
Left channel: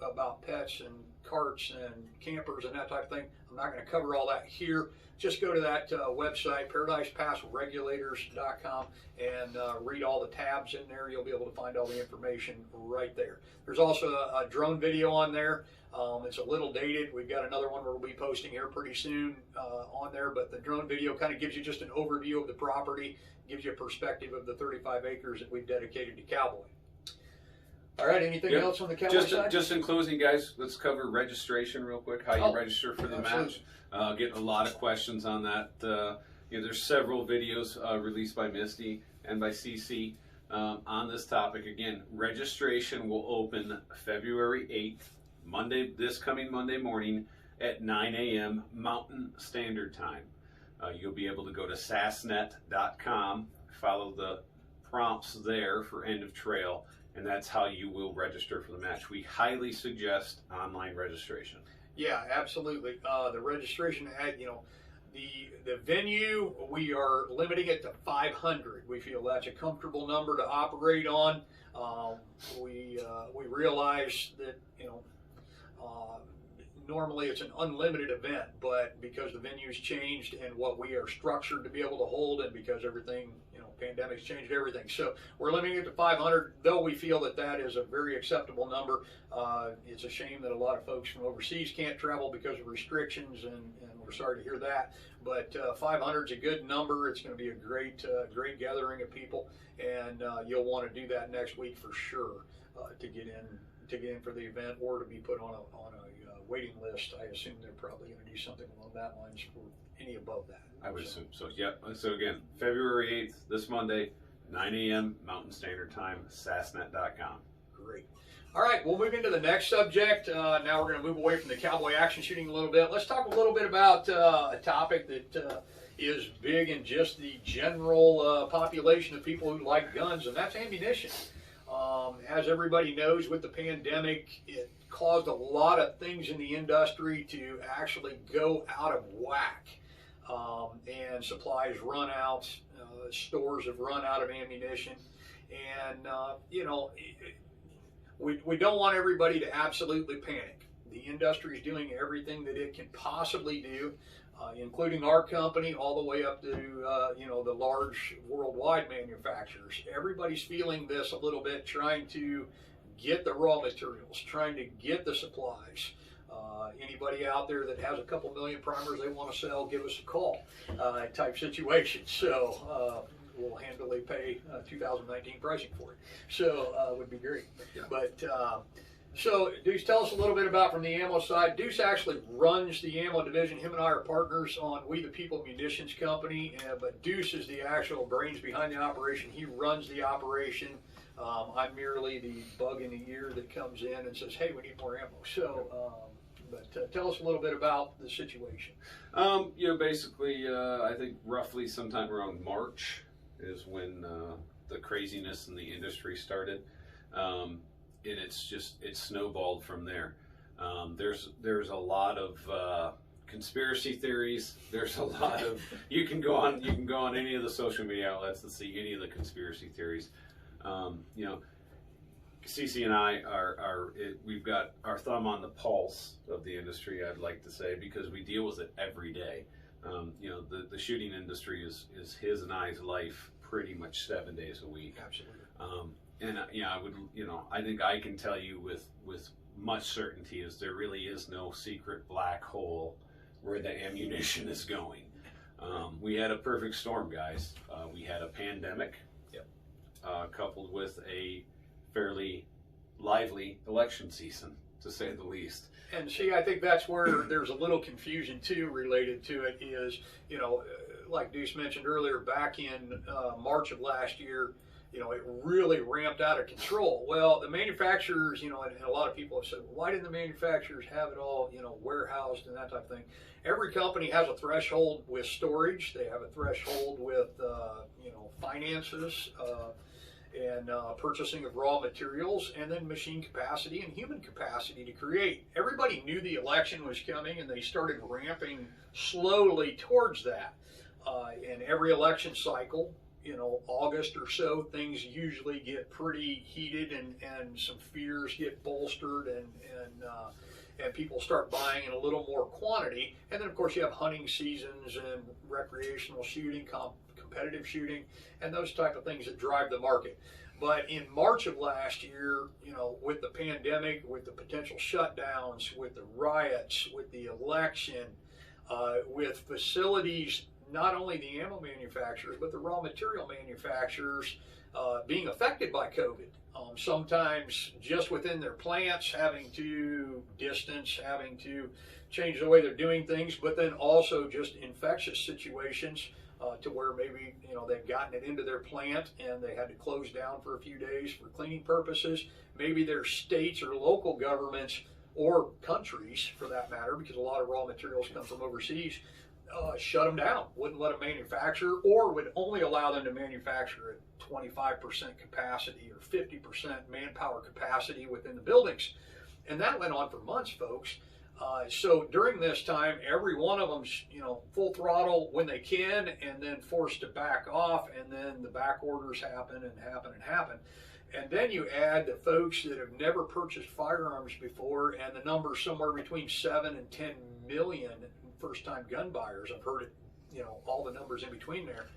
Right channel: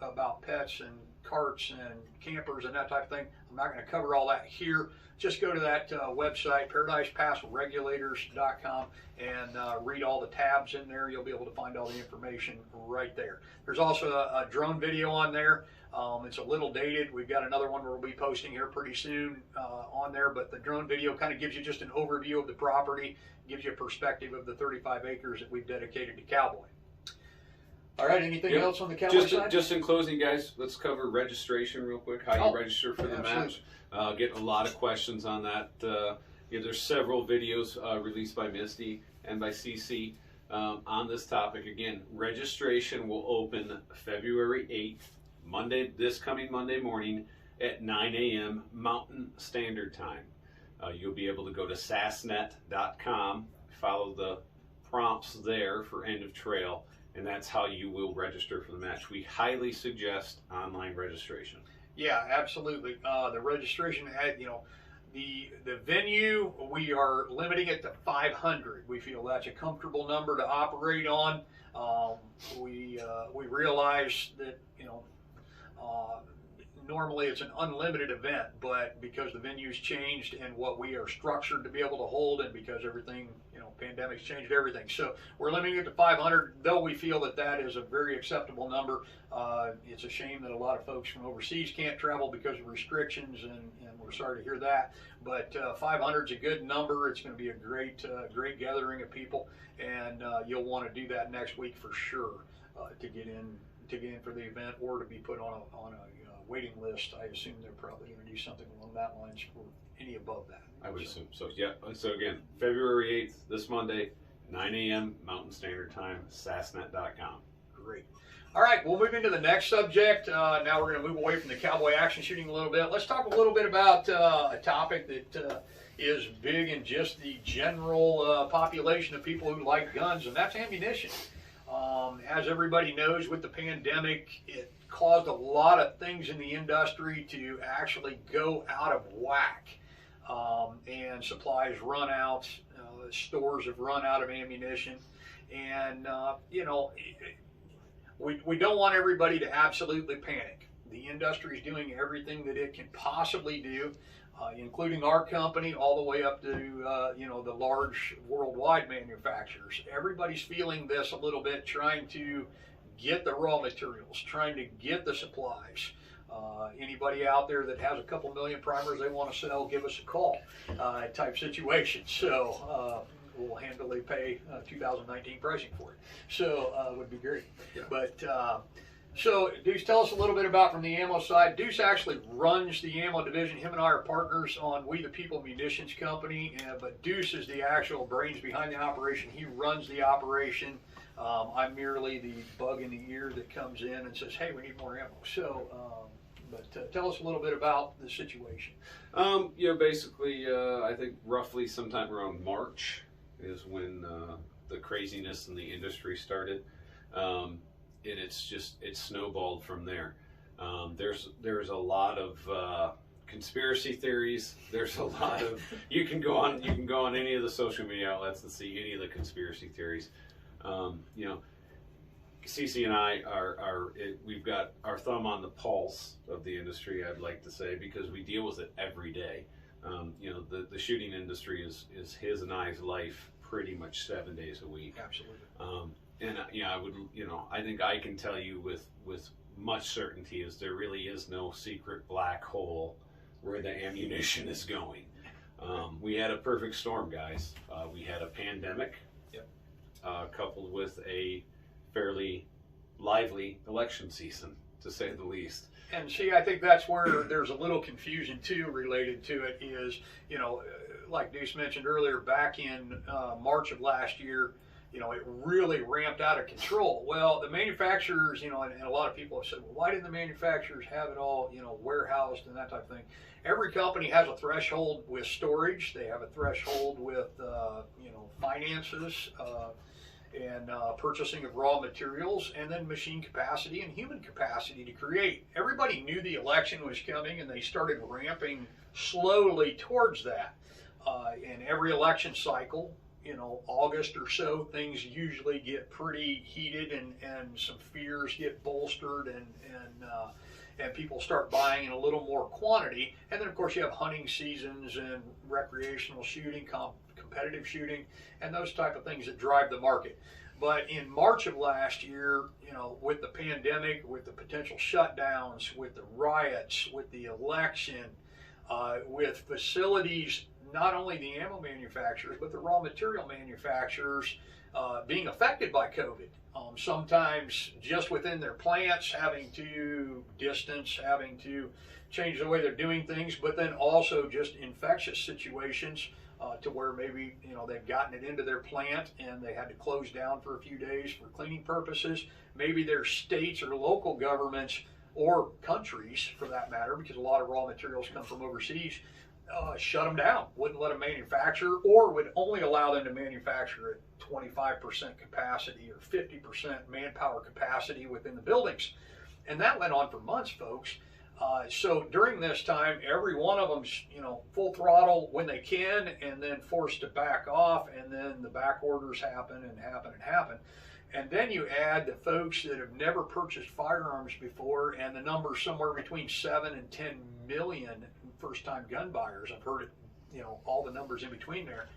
about pets and carts and campers and that type of thing. I'm not going to cover all that here. Just go to that website, ParadisePassRegulators.com, and read all the tabs in there. You'll be able to find all the information right there. There's also a drone video on there. It's a little dated. We've got another one we'll be posting here pretty soon on there, but the drone video kind of gives you just an overview of the property, gives you a perspective of the 35 acres that we've dedicated to Cowboy. All right, anything else on the Cowboy side? Just in closing, guys, let's cover registration real quick, how you register for the match. Getting a lot of questions on that. There's several videos released by Misty and by CC on this topic. Again, registration will open February 8th, this coming Monday morning at 9 a.m. Mountain Standard Time. You'll be able to go to sassnet.com, follow the prompts there for end of trail, and that's how you will register for the match. We highly suggest online registration. Yeah, absolutely. The registration, the venue, we are limiting it to 500. We feel that's a comfortable number to operate on. We realize that normally it's an unlimited event, but because the venue's changed and what we are structured to be able to hold, and because everything, pandemic's changed everything. So we're limiting it to 500, though we feel that that is a very acceptable number. It's a shame that a lot of folks from overseas can't travel because of restrictions, and we're sorry to hear that. But 500 is a good number. It's going to be a great gathering of people, and you'll want to do that next week for sure to get in for the event, or to be put on a waiting list. I assume they're probably going to do something along that lines for any above that. I would assume so. Yeah. So again, February 8th, this Monday, 9 a.m. Mountain Standard Time, sassnet.com. Great. All right, we'll move into the next subject. Now we're going to move away from the cowboy action shooting a little bit. Let's talk a little bit about a topic that is big in just the general population of people who like guns, and that's ammunition. As everybody knows, with the pandemic, it caused a lot of things in the industry to actually go out of whack. And supplies run out, stores have run out of ammunition, and we don't want everybody to absolutely panic. The industry is doing everything that it can possibly do, including our company, all the way up to the large worldwide manufacturers. Everybody's feeling this a little bit, trying to get the raw materials, trying to get the supplies. Anybody out there that has a couple million primers they want to sell, give us a call type situation. So we'll handily pay 2019 pricing for it. So would be great. Yeah. But so Deuce, tell us a little bit about from the ammo side. Deuce actually runs the ammo division. Him and I are partners on We the People Munitions Company, but Deuce is the actual brains behind the operation. He runs the operation. I'm merely the bug in the ear that comes in and says, hey, we need more ammo. So, but tell us a little bit about the situation. Basically, I think roughly sometime around March is when the craziness in the industry started. it's snowballed from there. There's a lot of conspiracy theories. There's a lot of you can go on any of the social media outlets and see any of the conspiracy theories. You know, CC and I we've got our thumb on the pulse of the industry, I'd like to say, because we deal with it every day. You know, the shooting industry is his and I's life pretty much 7 days a week. Absolutely. And yeah, I think I can tell you with much certainty is there really is no secret black hole where the ammunition is going. We had a perfect storm, guys. We had a pandemic, yep, coupled with a fairly lively election season, to say the least. And see, I think that's where there's a little confusion too related to it is, you know, like Deuce mentioned earlier, back in March of last year, you know, it really ramped out of control. Well, the manufacturers, you know, and a lot of people have said, well, why didn't the manufacturers have it all, you know, warehoused and that type of thing? Every company has a threshold with storage. They have a threshold with, you know, finances and purchasing of raw materials, and then machine capacity and human capacity to create. Everybody knew the election was coming, and they started ramping slowly towards that. In every election cycle, you know, August or so, things usually get pretty heated, and some fears get bolstered, and people start buying in a little more quantity. And then, of course, you have hunting seasons and recreational shooting, competitive shooting, and those type of things that drive the market. But in March of last year, you know, with the pandemic, with the potential shutdowns, with the riots, with the election, with facilities, not only the ammo manufacturers, but the raw material manufacturers being affected by COVID. Sometimes just within their plants, having to distance, having to change the way they're doing things, but then also just infectious situations to where maybe, you know, they've gotten it into their plant and they had to close down for a few days for cleaning purposes. Maybe their states or local governments, or countries for that matter, because a lot of raw materials come from overseas, shut them down, wouldn't let them manufacture, or would only allow them to manufacture at 25% capacity or 50% manpower capacity within the buildings. And that went on for months, folks. So during this time, every one of them's, you know, full throttle when they can, and then forced to back off, and then the back orders happen and happen and happen. And then you add the folks that have never purchased firearms before, and the number somewhere between 7 and 10 million first-time gun buyers. I've heard it, you know, all the numbers in between there.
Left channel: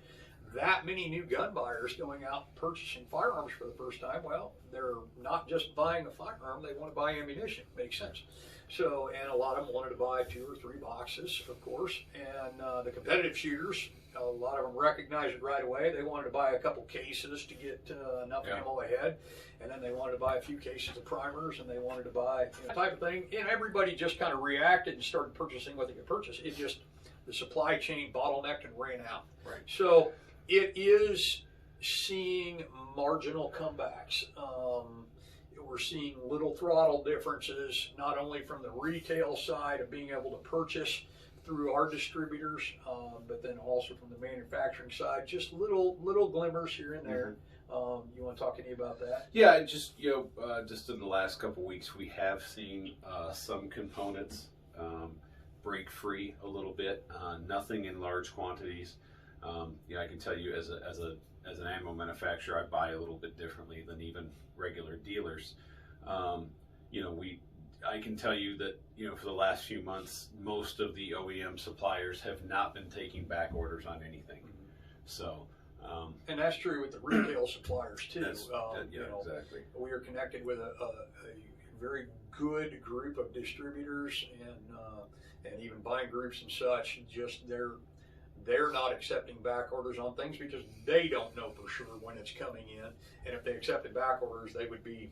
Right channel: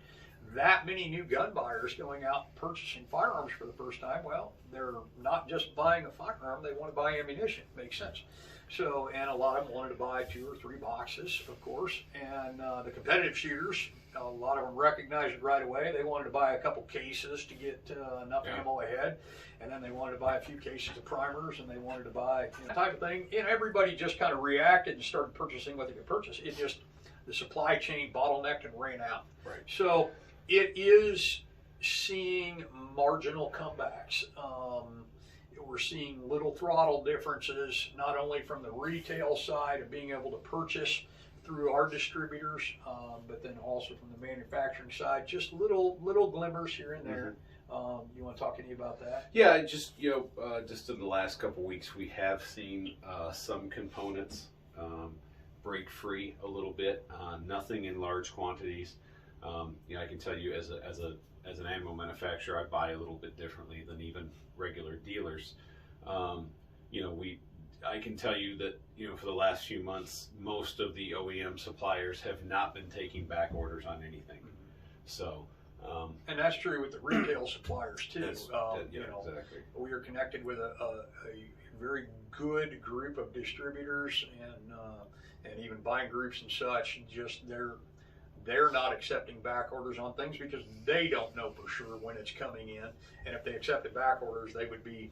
That many new gun buyers going out purchasing firearms for the first time. Well, they're not just buying a firearm, they want to buy ammunition. Makes sense. So, and a lot of them wanted to buy 2 or 3 boxes, of course. And the competitive shooters, a lot of them recognized it right away. They wanted to buy a couple cases to get enough ammo ahead. And then they wanted to buy a few cases of primers, and they wanted to buy, you know, type of thing. And everybody just kind of reacted and started purchasing what they could purchase. It just, the supply chain bottlenecked and ran out. Right. So it is seeing marginal comebacks. We're seeing little throttle differences, not only from the retail side of being able to purchase through our distributors, but then also from the manufacturing side, just little glimmers here and there. You want to talk any about that? Yeah, just, you know, just in the last couple of weeks, we have seen some components break free a little bit. Nothing in large quantities. You know, I can tell you as an ammo manufacturer, I buy a little bit differently than even regular dealers. You know, I can tell you that, you know, for the last few months, most of the OEM suppliers have not been taking back orders on anything. So, and that's true with the retail suppliers too. Yeah, you know, exactly. We are connected with a very good group of distributors and even buying groups and such. Just they're not accepting back orders on things because they don't know for sure when it's coming in. And if they accepted back orders, they would be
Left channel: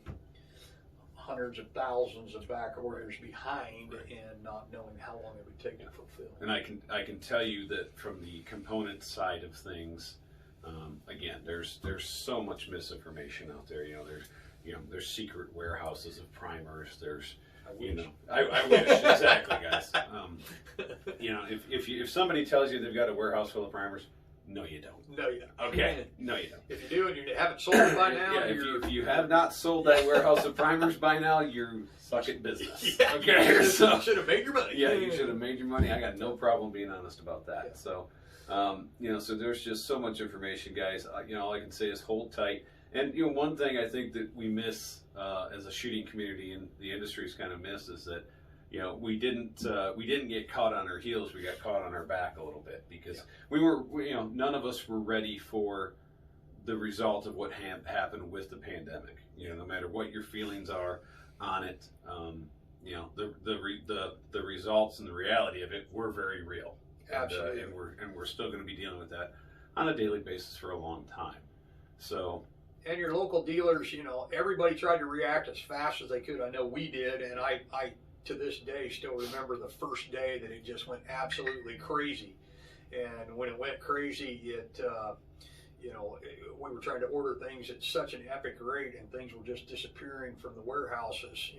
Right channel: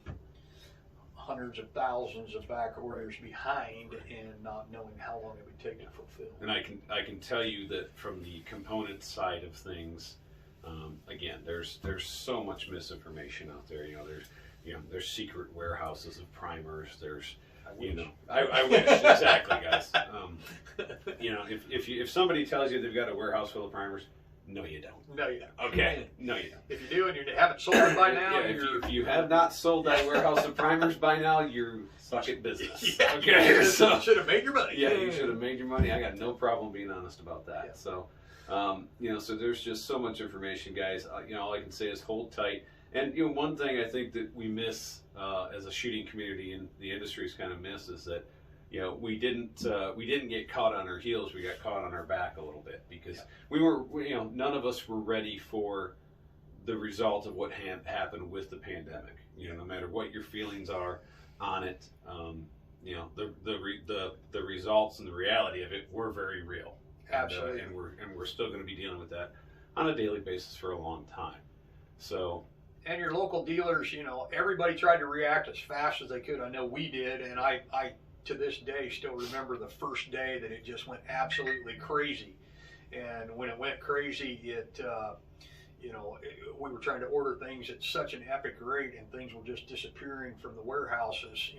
hundreds of thousands of back orders behind and not knowing how long it would take to fulfill. And I can tell you that from the component side of things, again, there's so much misinformation out there. You know, there's secret warehouses of primers. There's, you know, I wish. Exactly, guys. You know, if somebody tells you they've got a warehouse full of primers, No, you don't. No, you don't. Okay. No, you don't. If you do and you haven't sold it by now, Yeah, if you have not sold that warehouse of primers by now, you suck at business. Yeah, Okay. you should have made your money. Yeah, you should have made your money. I got no problem being honest about that. Yeah. So, so there's just so much information, guys. All I can say is hold tight. And one thing I think that we miss as a shooting community, and the industry's kind of missed, is that we didn't get caught on our heels. We got caught on our back a little bit because none of us were ready for the result of what happened with the pandemic. No matter what your feelings are on it, the results and the reality of it were very real. Absolutely. And we're still going to be dealing with that on a daily basis for a long time. So. And your local dealers, everybody tried to react as fast as they could. I know we did, and I to this day still remember the first day that it just went absolutely crazy. And when it went crazy, we were trying to order things at such an epic rate, and things were just disappearing from the warehouses.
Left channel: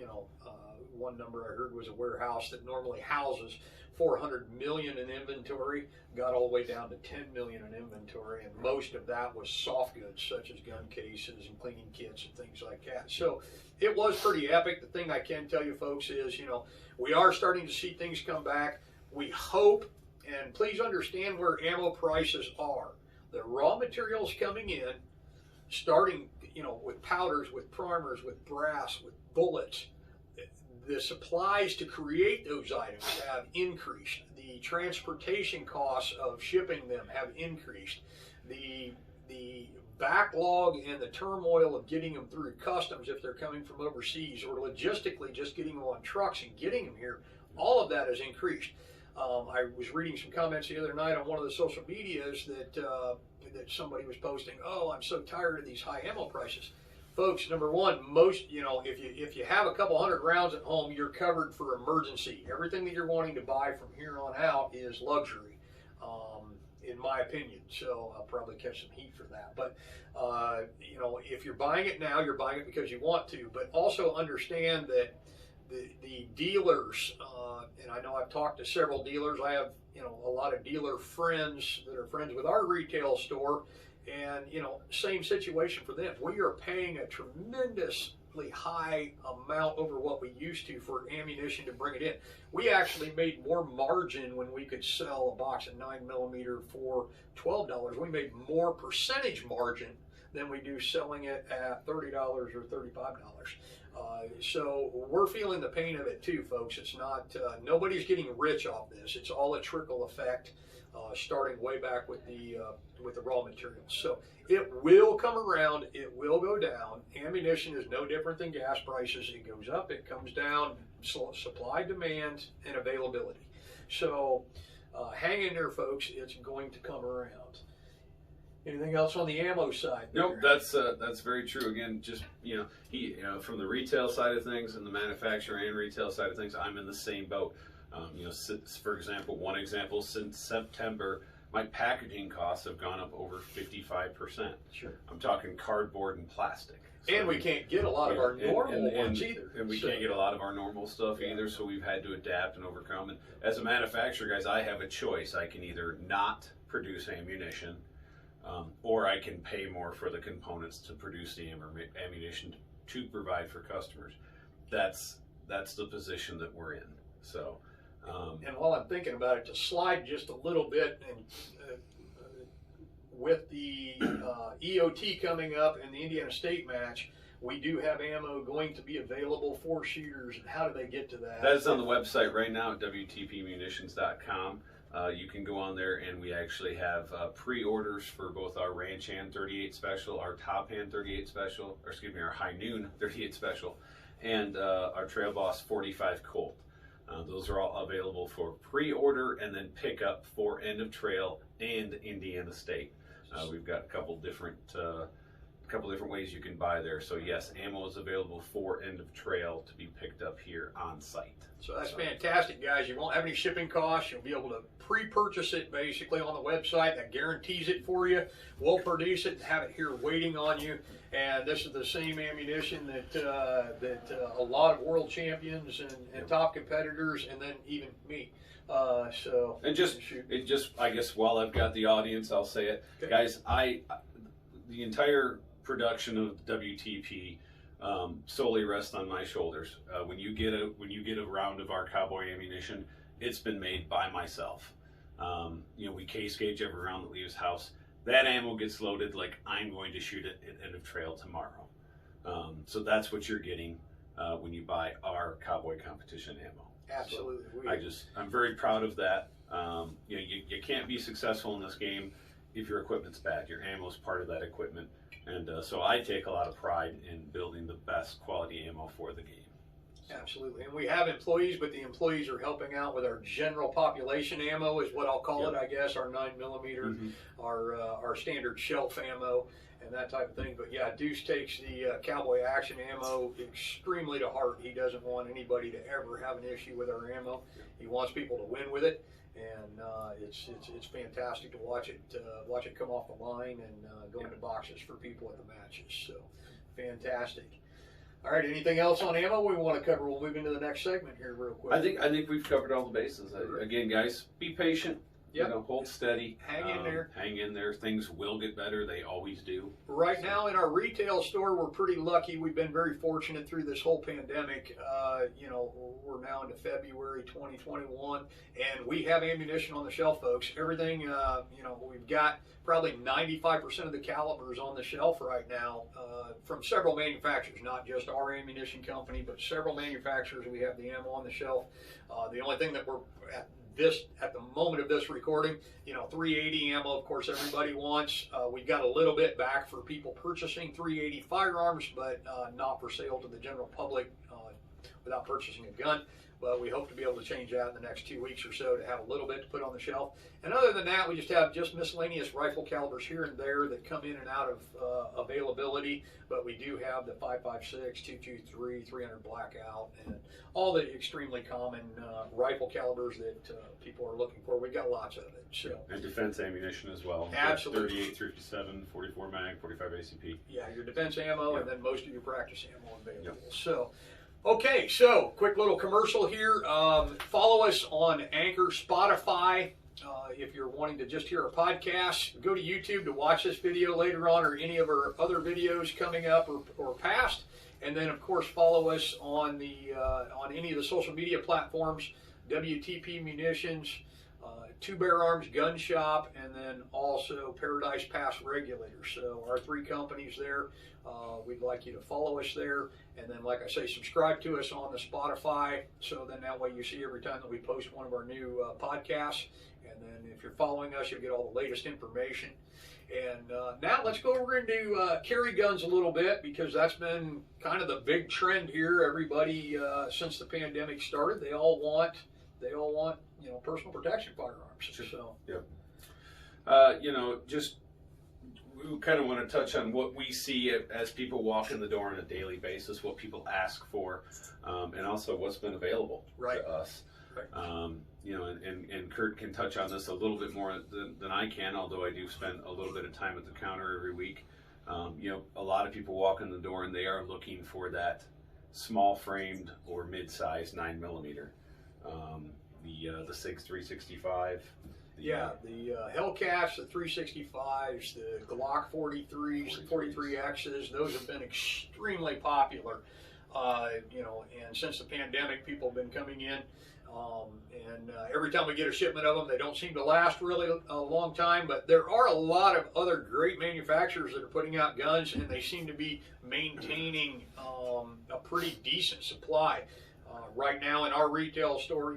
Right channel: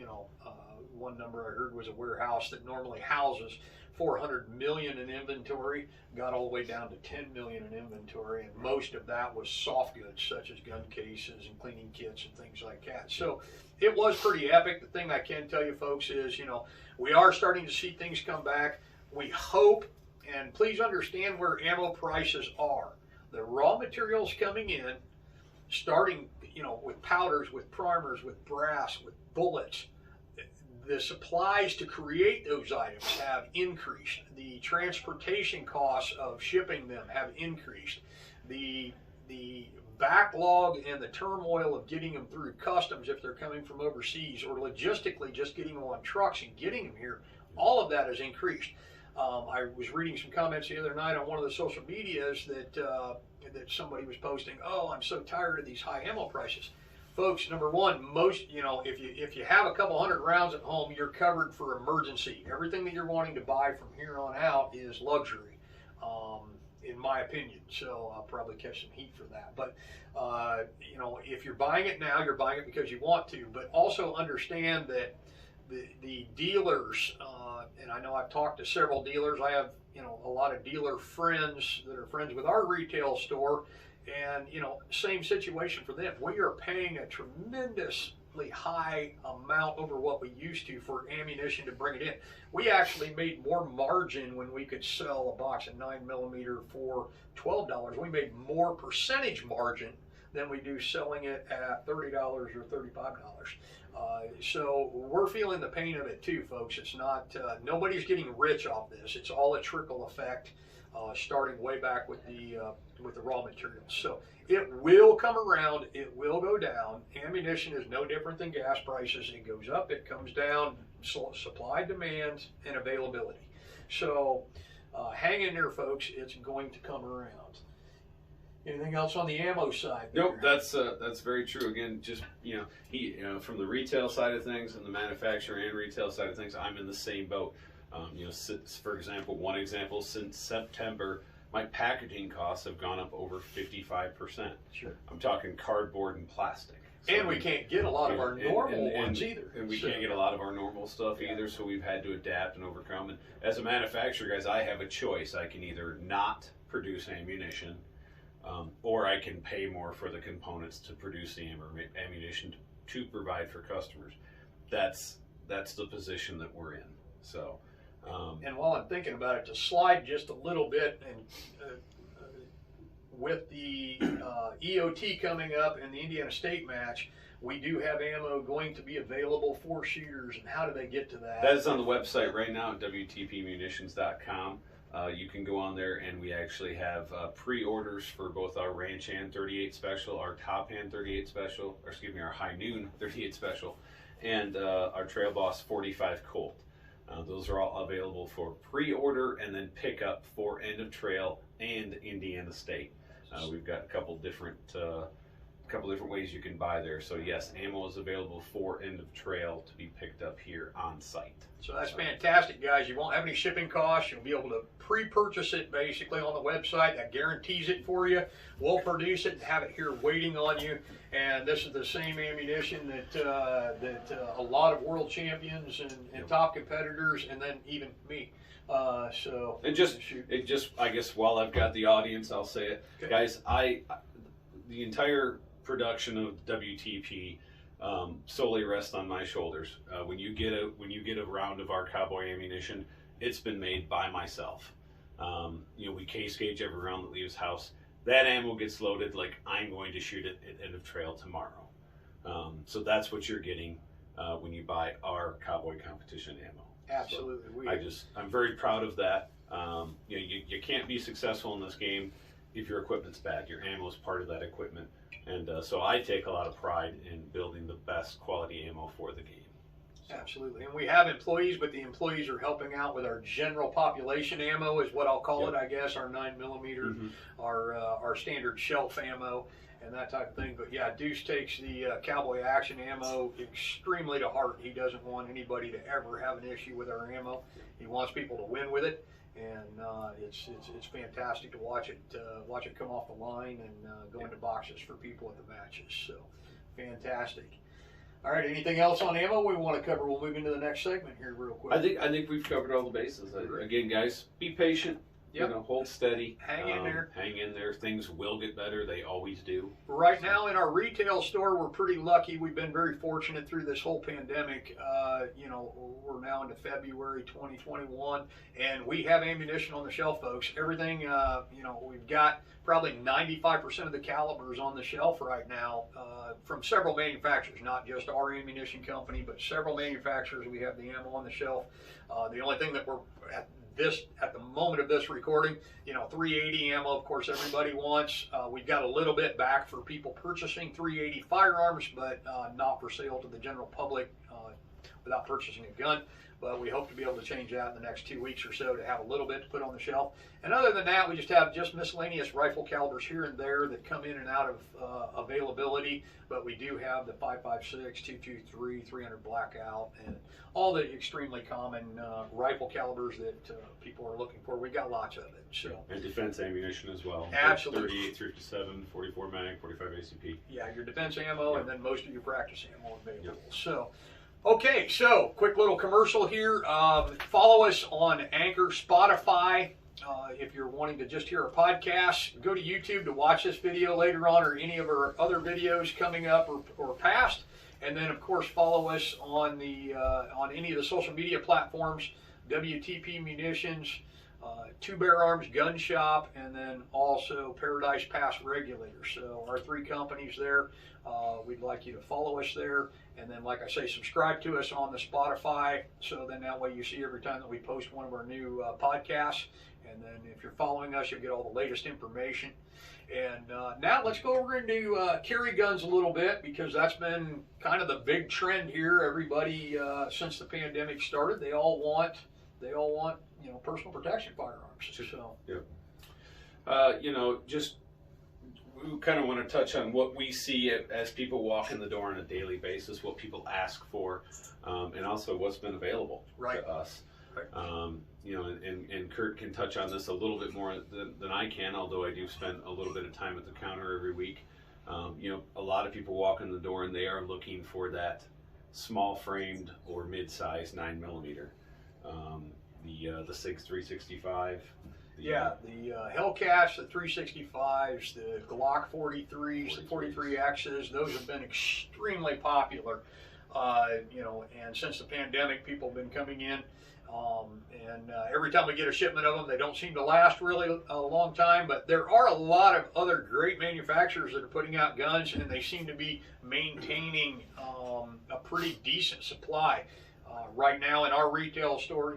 One number I heard was a warehouse that normally houses 400 million in inventory got all the way down to 10 million in inventory, and most of that was soft goods such as gun cases and cleaning kits and things like that. So it was pretty epic. The thing I can tell you folks is, we are starting to see things come back. We hope, and please understand where ammo prices are. The raw materials coming in, starting, with powders, with primers, with brass, with bullets, the supplies to create those items have increased. The transportation costs of shipping them have increased. The backlog and the turmoil of getting them through customs if they're coming from overseas, or logistically just getting them on trucks and getting them here, all of that has increased. I was reading some comments the other night on one of the social medias that somebody was posting, "Oh, I'm so tired of these high ammo prices." Folks, number one, if you have a couple hundred rounds at home, you're covered for emergency. Everything that you're wanting to buy from here on out is luxury, in my opinion. So I'll probably catch some heat for that. But if you're buying it now, you're buying it because you want to. But also understand that the dealers, and I know I've talked to several dealers. I have a lot of dealer friends that are friends with our retail store. And, same situation for them. We are paying a tremendously high amount over what we used to for ammunition to bring it in. We actually made more margin when we could sell a box of 9mm for $12. We made more percentage margin than we do selling it at $30 or $35. So we're feeling the pain of it too, folks. It's not, nobody's getting rich off this. It's all a trickle effect. Starting way back with the raw materials. So it will come around, it will go down. Ammunition is no different than gas prices. It goes up, it comes down, supply, demand, and availability. So hang in there, folks, it's going to come around. Anything else on the ammo side? Nope, that's very true. Again, just from the retail side of things and the manufacturer and retail side of things, I'm in the same boat. One example, since September, my packaging costs have gone up over 55%. Sure. I'm talking cardboard and plastic. So, and we can't get a lot of our normal ones either. And we can't get a lot of our normal stuff either, so we've had to adapt and overcome. And as a manufacturer, guys, I have a choice. I can either not produce ammunition, or I can pay more for the components to produce the ammunition to provide for customers. That's the position that we're in. So. And while I'm thinking about it, to slide just a little bit, and with the EOT coming up and the Indiana State match, we do have ammo going to be available for shooters. And how do they get to that? That is on the website right now at WTPmunitions.com. You can go on there, and we actually have pre-orders for both our Ranch Hand 38 Special, our Top Hand 38 Special, our High Noon 38 Special, and our Trail Boss 45 Colt. Those are all available for pre-order and then pick up for End of Trail and Indiana State. We've got a couple different ways you can buy there. So yes, ammo is available for End of Trail to be picked up here on site. So that's fantastic, guys. You won't have any shipping costs. You'll be able to pre-purchase it basically on the website. That guarantees it for you. We'll produce it and have it here waiting on you. And this is the same ammunition that a lot of world champions and top competitors, and then even me, So and I guess while I've got the audience, I'll say it, okay. Guys. The entire production of WTP solely rests on my shoulders. When you get a round of our Cowboy ammunition, it's been made by myself. We case gauge every round that leaves house. That ammo gets loaded like I'm going to shoot it at end of trail tomorrow. So that's what you're getting when you buy our Cowboy competition ammo. Absolutely. So I'm very proud of that. You can't be successful in this game if your equipment's bad. Your ammo is part of that equipment. And so I take a lot of pride in building the best quality ammo for the game. Absolutely. And we have employees, but the employees are helping out with our general population ammo is what I'll call it, I guess, our 9mm, our standard shelf ammo, and that type of thing. But yeah, Deuce takes the Cowboy action ammo extremely to heart. He doesn't want anybody to ever have an issue with our ammo. He wants people to win with it. And it's fantastic to watch it come off the line and go into boxes for people at the matches. So fantastic. All right, anything else on ammo we want to cover? We'll move into the next segment here real quick. I think we've covered all the bases. Again, guys, be patient. Yep. Hold steady. Hang in there. Hang in there. Things will get better. They always do. Right now in our retail store, we're pretty lucky. We've been very fortunate through this whole pandemic. We're now into February 2021, and we have ammunition on the shelf, folks. Everything, we've got probably 95% of the calibers on the shelf right now from several manufacturers, not just our ammunition company, but several manufacturers. We have the ammo on the shelf. The only thing that we're at the moment of this recording, 380 ammo, of course, everybody wants. We've got a little bit back for people purchasing 380 firearms, but not for sale to the general public without purchasing a gun. But we hope to be able to change that in the next 2 weeks or so to have a little bit to put on the shelf. And other than that, we just have miscellaneous rifle calibers here and there that come in and out of availability. But we do have the 5.56, 223, 300 blackout, and all the extremely common rifle calibers that people are looking for. We've got lots of it. So and defense ammunition as well. Absolutely. 38, 357, 44 mag, 45 ACP. Yeah, your defense ammo, and then most of your practice ammo available. Yep. So. Okay, so quick little commercial here. Follow us on Anchor, Spotify. If you're wanting to just hear a podcast, go to YouTube to watch this video later on or any of our other videos coming up or past. And then, of course, follow us on on any of the social media platforms, WTP Munitions, Two Bear Arms Gun Shop, and then also Paradise Pass Regulators. So our 3 companies there. We'd like you to follow us there. And then, like I say, subscribe to us on the Spotify. So then that way you see every time that we post one of our new podcasts. And then if you're following us, you'll get all the latest information. And now let's go over into carry guns a little bit, because that's been kind of the big trend here. Everybody, since the pandemic started, they all want personal protection firearms. So just we kind of want to touch on what we see as people walk in the door on a daily basis, what people ask for, and also what's been available to us. Right. And Kurt can touch on this a little bit more than I can, although I do spend a little bit of time at the counter every week. A lot of people walk in the door and they are looking for that small framed or mid-size 9mm. The SIGs 365. The Hellcats, the 365s, the Glock 43s, the 43Xs, those have been extremely popular. And since the pandemic, people have been coming in, and every time we get a shipment of them, they don't seem to last really a long time. But there are a lot of other great manufacturers that are putting out guns, and they seem to be maintaining a pretty decent supply. Right now in our retail store,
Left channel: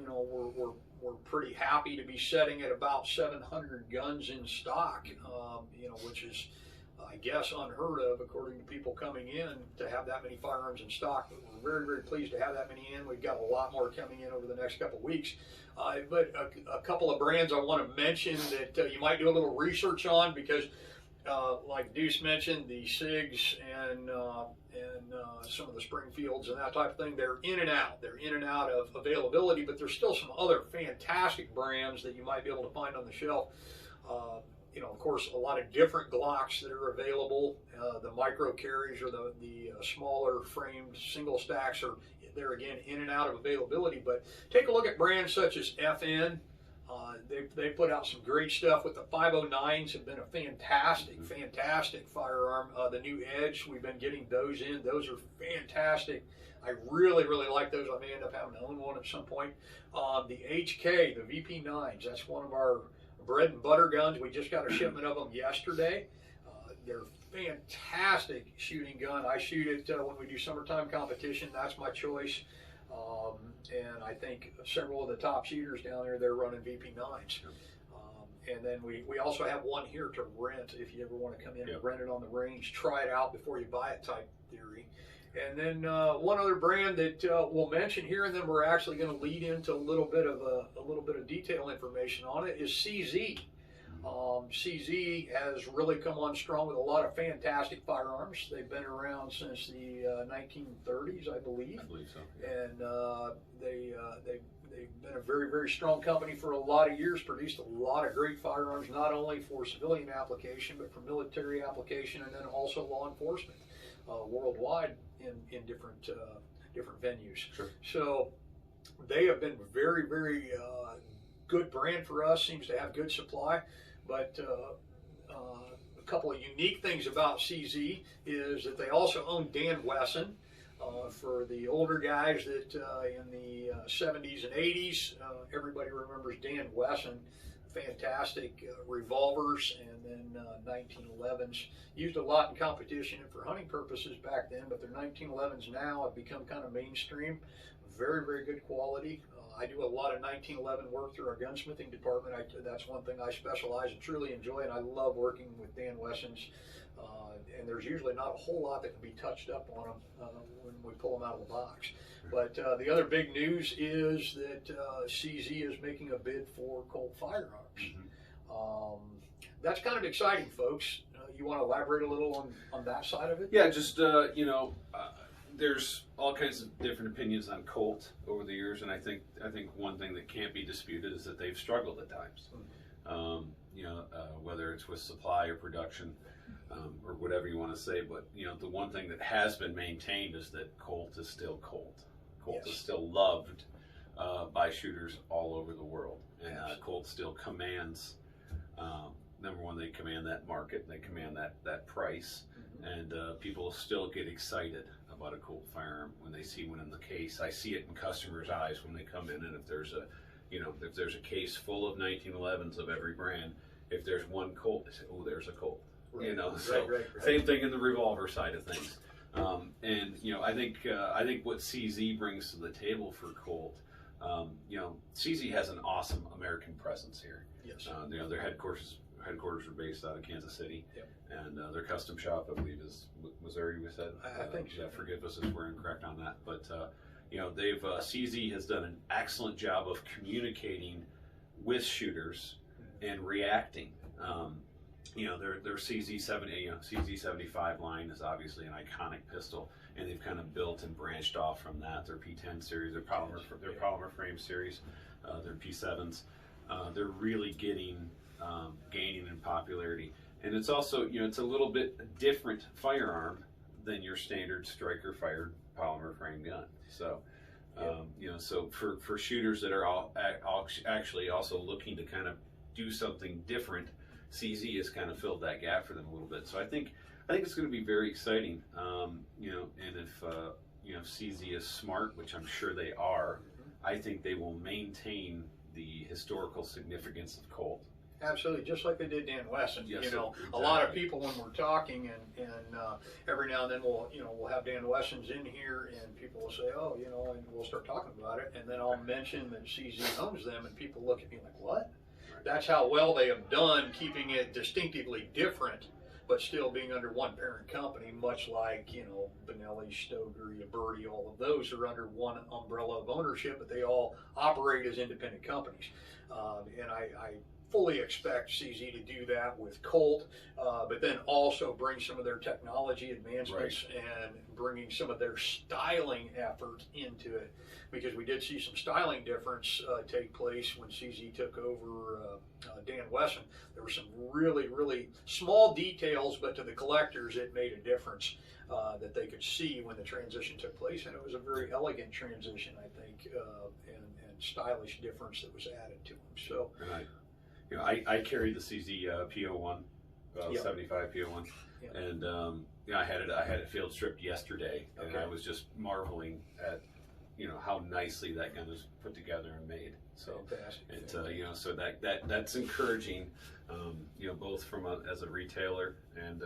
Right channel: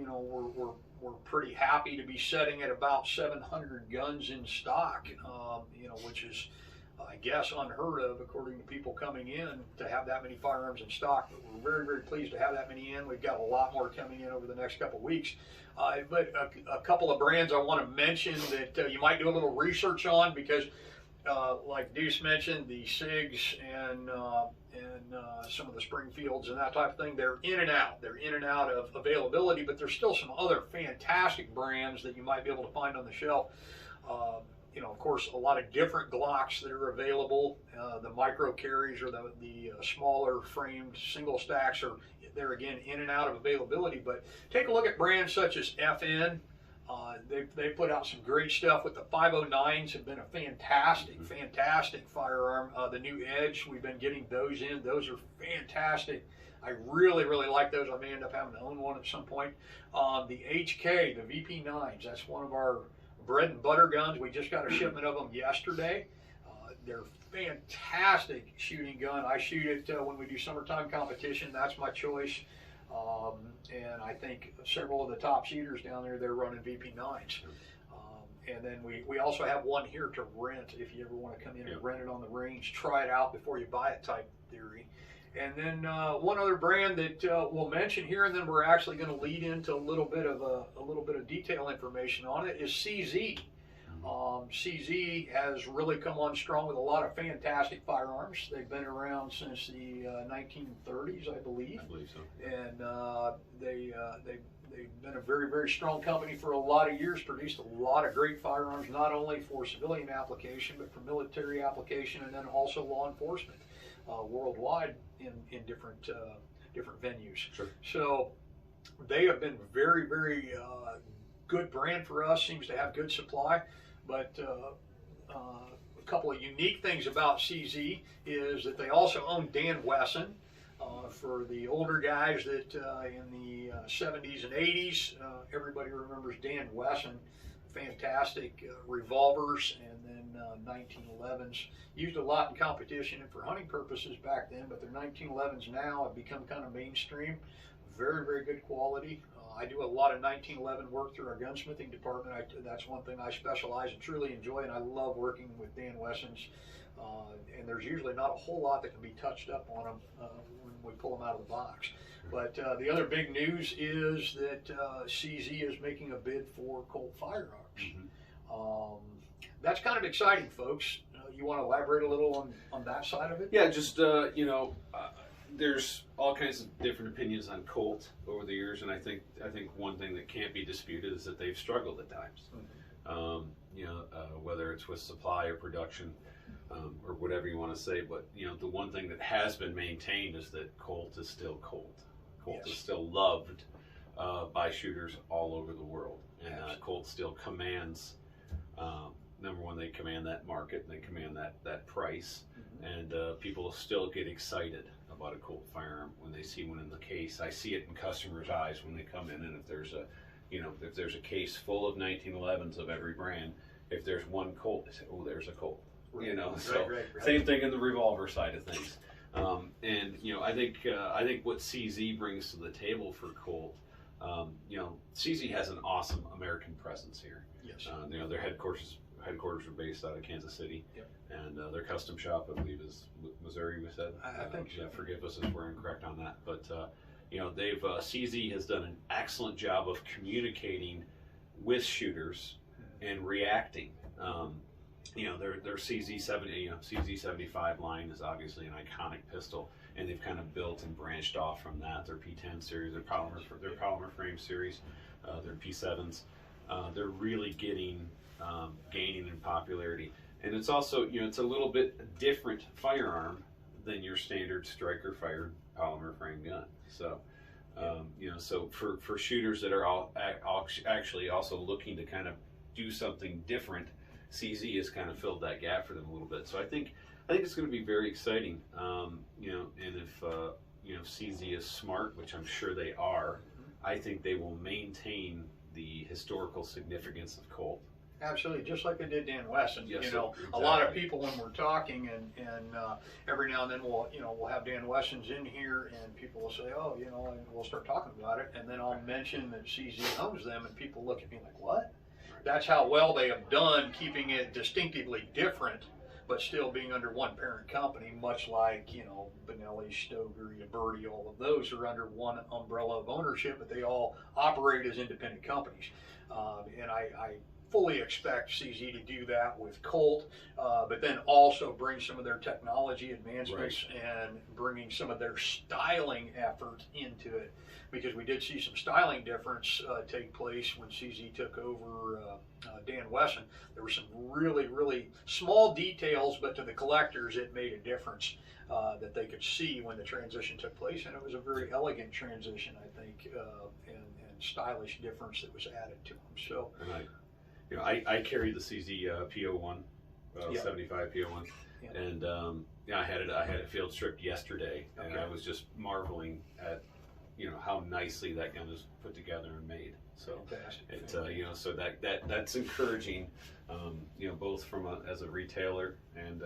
we're pretty happy to be setting at about 700 guns in stock, which is, I guess, unheard of according to people coming in to have that many firearms in stock. But we're very, very pleased to have that many in. We've got a lot more coming in over the next couple of weeks. But a couple of brands I want to mention that you might do a little research on, because like Deuce mentioned, the SIGs and some of the Springfields and that type of thing, they're in and out. They're in and out of availability, but there's still some other fantastic brands that you might be able to find on the shelf. of course, a lot of different Glocks that are available. The micro carries or the smaller framed single stacks are there again in and out of availability. But take a look at brands such as FN. They put out some great stuff with the 509s. Have been a fantastic firearm. The new Edge, we've been getting those in. Those are fantastic. I really like those. I may end up having to own one at some point. The HK, the VP9s, that's one of our bread and butter guns. We just got a shipment of them yesterday. They're fantastic shooting gun. I shoot it when we do summertime competition. That's my choice. And I think several of the top shooters down there, they're running VP9s. And then we also have one here to rent if you ever want to come in and rent it on the range, try it out before you buy it type theory. And then one other brand that we'll mention here, and then we're actually going to lead into a little bit of detail information on it, is CZ. CZ has really come on strong with a lot of fantastic firearms. They've been around since the 1930s, I believe. I believe so. And they've been a very strong company for a lot of years, produced a lot of great firearms, not only for civilian application, but for military application, and then also law enforcement worldwide in different venues. Sure. So they have been very good brand for us, seems to have good supply. But a couple of unique things about CZ is that they also own Dan Wesson. For the older guys that in the 70s and 80s, everybody remembers Dan Wesson. Fantastic revolvers, and then 1911s. Used a lot in competition and for hunting purposes back then, but their 1911s now have become kind of mainstream. Very good quality. I do a lot of 1911 work through our gunsmithing department. That's one thing I specialize and truly enjoy, and I love working with Dan Wessons. And there's usually not a whole lot that can be touched up on them when we pull them out of the box. But the other big news is that CZ is making a bid for Colt Firearms. That's kind of exciting, folks. You want to elaborate a little on that side of it? Yeah, just there's all kinds of different opinions on Colt over the years, and I think one thing that can't be disputed is that they've struggled at times. Whether it's with supply or production, or whatever you want to say, but the one thing that has been maintained is that Colt is still Colt. Colt is still loved by shooters all over the world, and Colt still commands. Number one, they command that market, and they command that price, and people still get excited about a Colt firearm when they see one in the case. I see it in customers' eyes when they come in, and if there's a case full of 1911s of every brand, if there's one Colt, they say, "Oh, there's a Colt." Right. Right. Same thing in the revolver side of things. I think what CZ brings to the table for Colt, CZ has an awesome American presence here. Yes. Their headquarters are based out of Kansas City, and their custom shop, I believe, is Missouri. We said. I think so. Yeah, forgive us if we're incorrect on that, but they've CZ has done an excellent job of communicating with shooters and reacting. Their CZ75 line is obviously an iconic pistol, and they've kind of built and branched off from that. Their P10 series, their polymer frame series, their P7s, they're really gaining in popularity. And it's also, it's a little bit different firearm than your standard striker fired polymer frame gun. So, so for shooters that are actually also looking to kind of do something different, CZ has kind of filled that gap for them a little bit. So I think it's going to be very exciting. And if CZ is smart, which I'm sure they are, I think they will maintain the historical significance of Colt. Absolutely, just like they did Dan Wesson. Yes, exactly. A lot of people when we're talking, and every now and then we'll have Dan Wessons in here, and people will say, oh, and we'll start talking about it, and then I'll mention that CZ owns them, and people look at me like, what? That's how well they have done keeping it distinctively different, but still being under one parent company, much like, Benelli, Stoger, Yaberti, all of those are under one umbrella of ownership, but they all operate as independent companies. And fully expect CZ to do that with Colt, but then also bring some of their technology advancements and bringing some of their styling effort into it, because we did see some styling difference take place when CZ took over Dan Wesson. There were some really, really small details, but to the collectors it made a difference that they could see when the transition took place, and it was a very elegant transition, I think, and stylish difference that was added to them. So, and I carried the CZ PO1, 75 PO1, and I had it field stripped yesterday, and I was just marveling at how nicely that gun is put together and made. So so that's encouraging, both from as a retailer and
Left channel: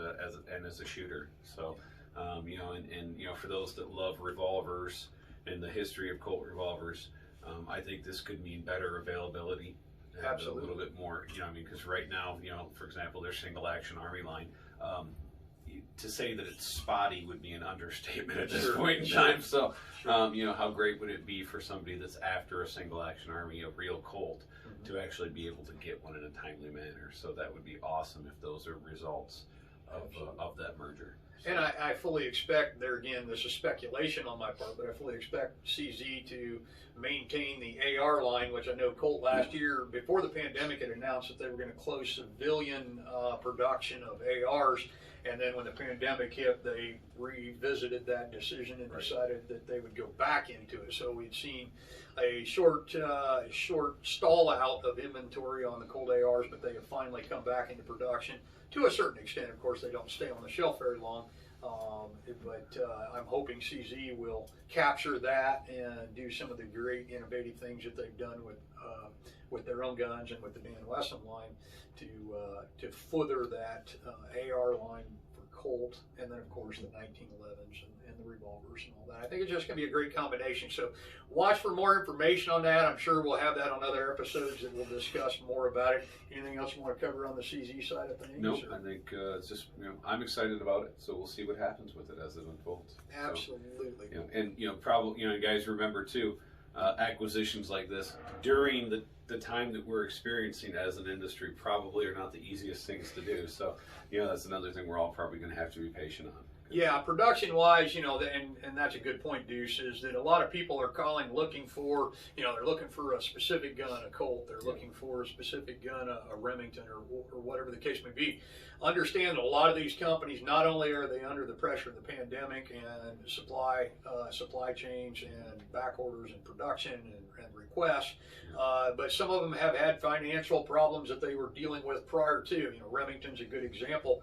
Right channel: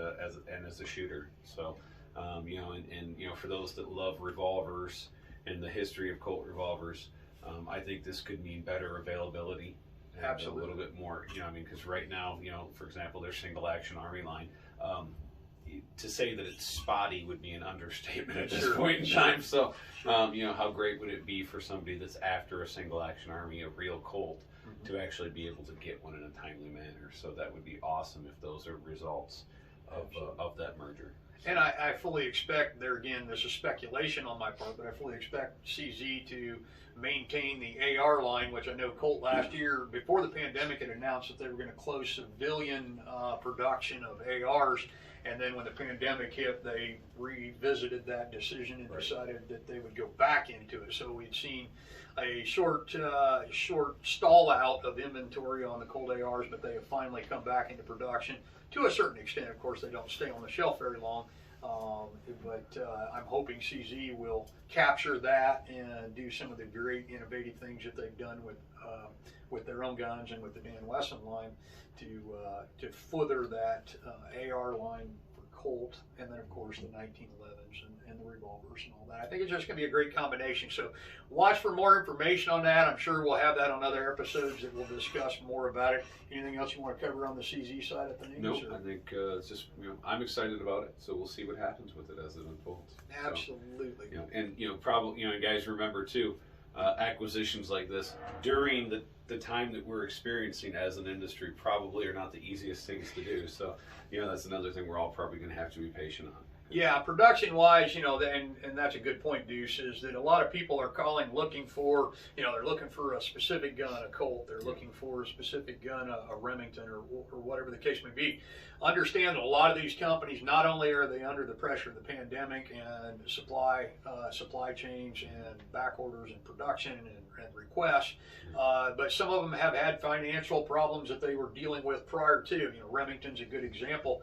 as a shooter. So and for those that love revolvers and the history of Colt revolvers, I think this could mean better availability and Absolutely. a little bit more. Because right now, for example, their single action Army line. To say that it's spotty would be an understatement at this point in time. So, how great would it be for somebody that's after a single action Army, a real Colt, to actually be able to get one in a timely manner? So that would be awesome if those are results of that merger. So. And I fully expect, there again, this is speculation on my part, but I fully expect CZ to maintain the AR line, which I know Colt last year, before the pandemic, had announced that they were going to close civilian production of ARs. And then when the pandemic hit, they revisited that decision and decided that they would go back into it. So we'd seen a short stall out of inventory on the Colt ARs, but they have finally come back into production to a certain extent. Of course, they don't stay on the shelf very long, but I'm hoping CZ will capture that and do some of the great innovative things that they've done with their own guns and with the Dan Wesson line to further that AR line for Colt, and then of course the 1911s and the revolvers and all that. I think it's just going to be a great combination. So watch for more information on that. I'm sure we'll have that on other episodes that we'll discuss more about it. Anything else you want to cover on the CZ side of things? Nope. I think it's just I'm excited about it. So we'll see what happens with it as it unfolds. Absolutely. So, and probably guys, remember too, acquisitions like this during the time that we're experiencing as an industry probably are not the easiest things to do. So, that's another thing we're all probably going to have to be patient on. Yeah, production-wise, and that's a good point, Deuce, is that a lot of people are looking for, they're looking for a specific gun, a Colt. They're looking for a specific gun, a Remington, or whatever the case may be. Understand that a lot of these companies, not only are they under the pressure of the pandemic and supply chains and back orders and production and requests, but some of them have had financial problems that they were dealing with prior to. Remington's a good example.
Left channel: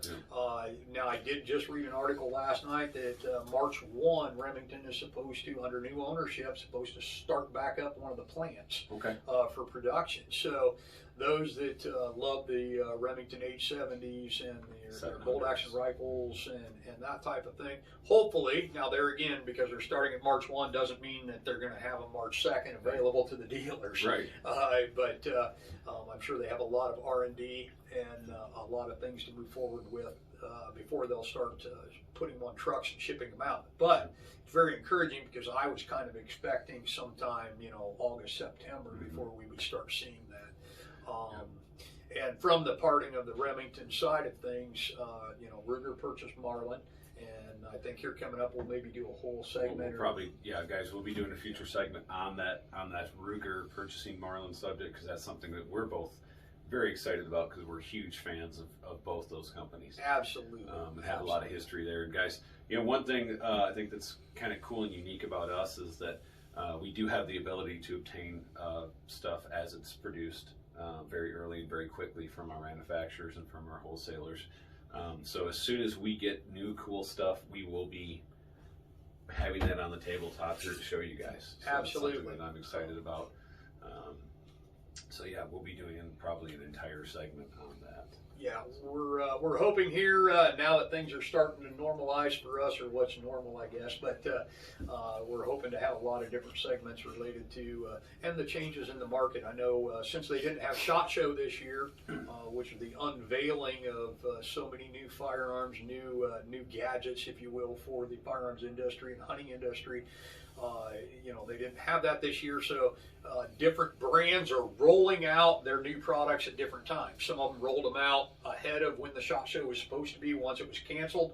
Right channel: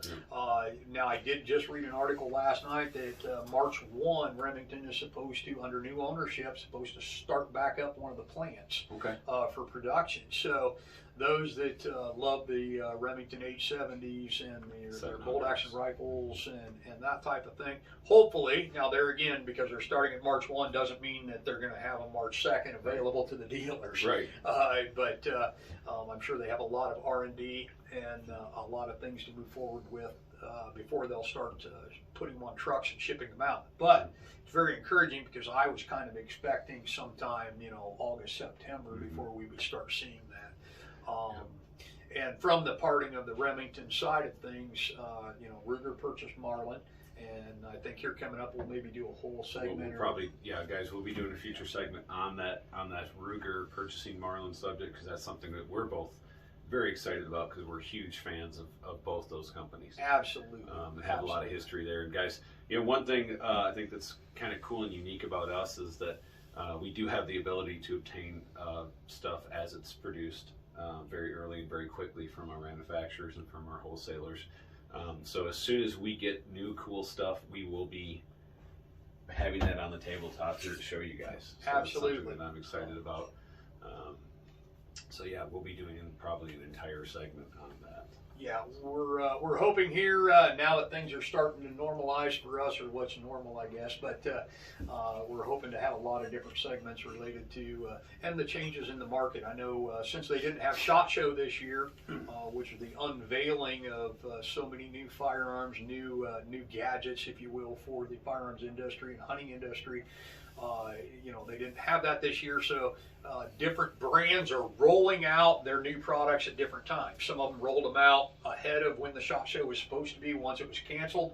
Now, I did just read an article last night that March 1, Remington is supposed to, under new ownership, supposed to start back up one of the plants for production. So those that love the Remington 870s and their bolt action rifles and that type of thing, hopefully, now there again, because they're starting at March 1 doesn't mean that they're going to have a March 2nd available to the dealers. Right. But I'm sure they have a lot of R&D and a lot of things to move forward with before they'll start putting them on trucks and shipping them out. But it's very encouraging because I was kind of expecting sometime, August, September before we would start seeing that. And from the parting of the Remington side of things, Ruger purchased Marlin, and I think here coming up we'll maybe do a whole segment. We'll probably, guys, we'll be doing a future segment on that Ruger purchasing Marlin subject, because that's something that we're both very excited about, because we're huge fans of both those companies. Absolutely. And have a lot of history there. And guys, one thing I think that's kind of cool and unique about us is that we do have the ability to obtain stuff as it's produced very early and very quickly from our manufacturers and from our wholesalers. So as soon as we get new cool stuff, we will be having that on the tabletop here to show you guys. So Absolutely. That's something that I'm excited about. So yeah, we'll be doing probably an entire segment on that. Yeah, we're hoping here now that things are starting to normalize for us, or what's normal, I guess. But we're hoping to have a lot of different segments related to and the changes in the market. I know since they didn't have SHOT Show this year, which is the unveiling of so many new firearms, new gadgets, if you will, for the firearms industry and hunting industry. You know, they didn't have that this year, so different brands are rolling out their new products at different times. Some of them rolled them out ahead of when the SHOT Show was supposed to be once it was canceled.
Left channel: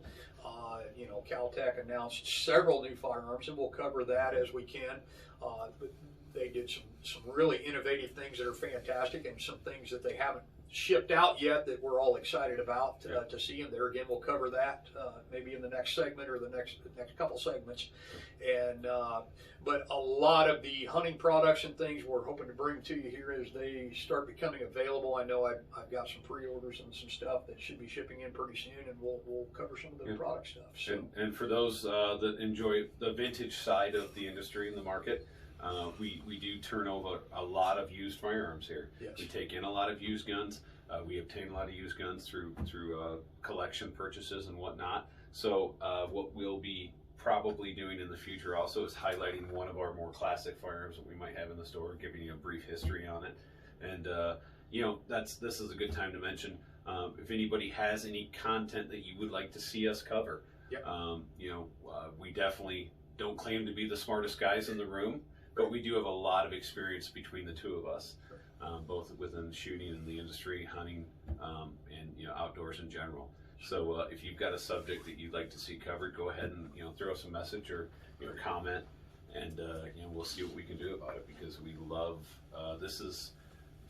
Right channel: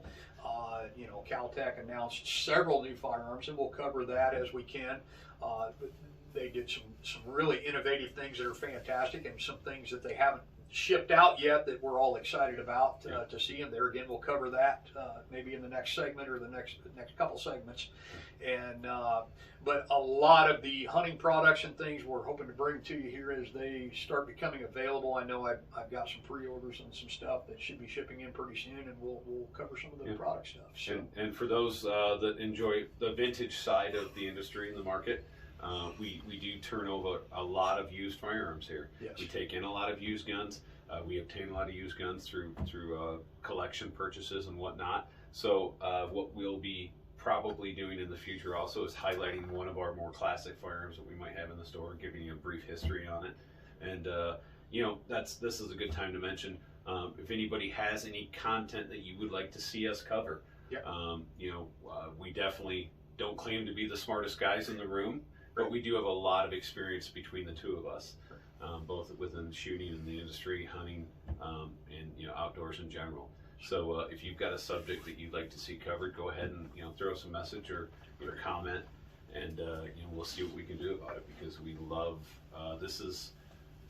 You know, Caltech announced several new firearms, and we'll cover that as we can. But they did some really innovative things that are fantastic, and some things that they haven't shipped out yet that we're all excited about to see. And there again, we'll cover that maybe in the next segment or the next couple segments. And but a lot of the hunting products and things we're hoping to bring to you here as they start becoming available. I know I've got some pre-orders and some stuff that should be shipping in pretty soon, and we'll cover some of the product stuff. So. And for those that enjoy the vintage side of the industry and the market, we do turn over a lot of used firearms here. Yes. We take in a lot of used guns. We obtain a lot of used guns through collection purchases and whatnot. So what we'll be probably doing in the future also is highlighting one of our more classic firearms that we might have in the store, giving you a brief history on it. And you know, this is a good time to mention if anybody has any content that you would like to see us cover. Yep. You know, we definitely don't claim to be the smartest guys in the room, but we do have a lot of experience between the two of us, both within shooting and the industry, hunting, and you know, outdoors in general. So if you've got a subject that you'd like to see covered, go ahead and throw us a message or comment, and we'll see what we can do about it, because we love this is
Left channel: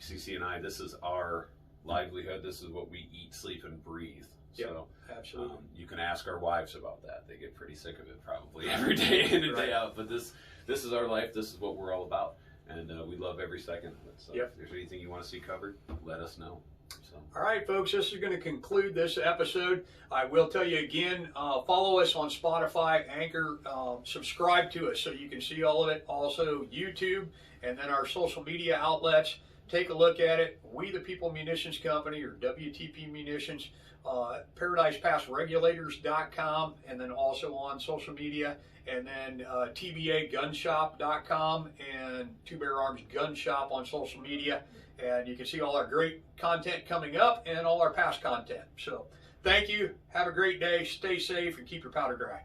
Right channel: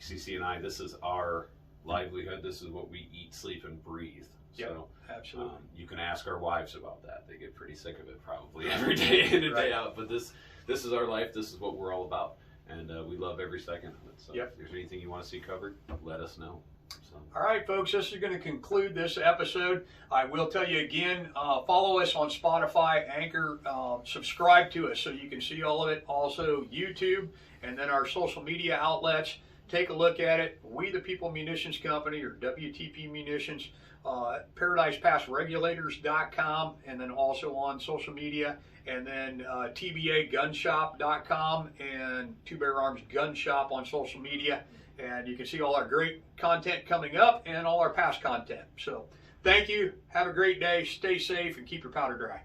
CC and I. This is our livelihood. This is what we eat, sleep, and breathe. Yep, so absolutely. You can ask our wives about that. They get pretty sick of it probably every day in and day out. But this is our life. This is what we're all about, and we love every second of it. So if there's anything you want to see covered, let us know. So. All right, folks, this is going to conclude this episode. I will tell you again, follow us on Spotify, Anchor, subscribe to us so you can see all of it. Also, YouTube, and then our social media outlets. Take a look at it. We the People Munitions Company, or WTP Munitions, ParadisePassRegulators.com, and then also on social media, and then TBAGunshop.com and Two Bear Arms Gun Shop on social media. And you can see all our great content coming up and all our past content. So thank you. Have a great day. Stay safe and keep your powder dry.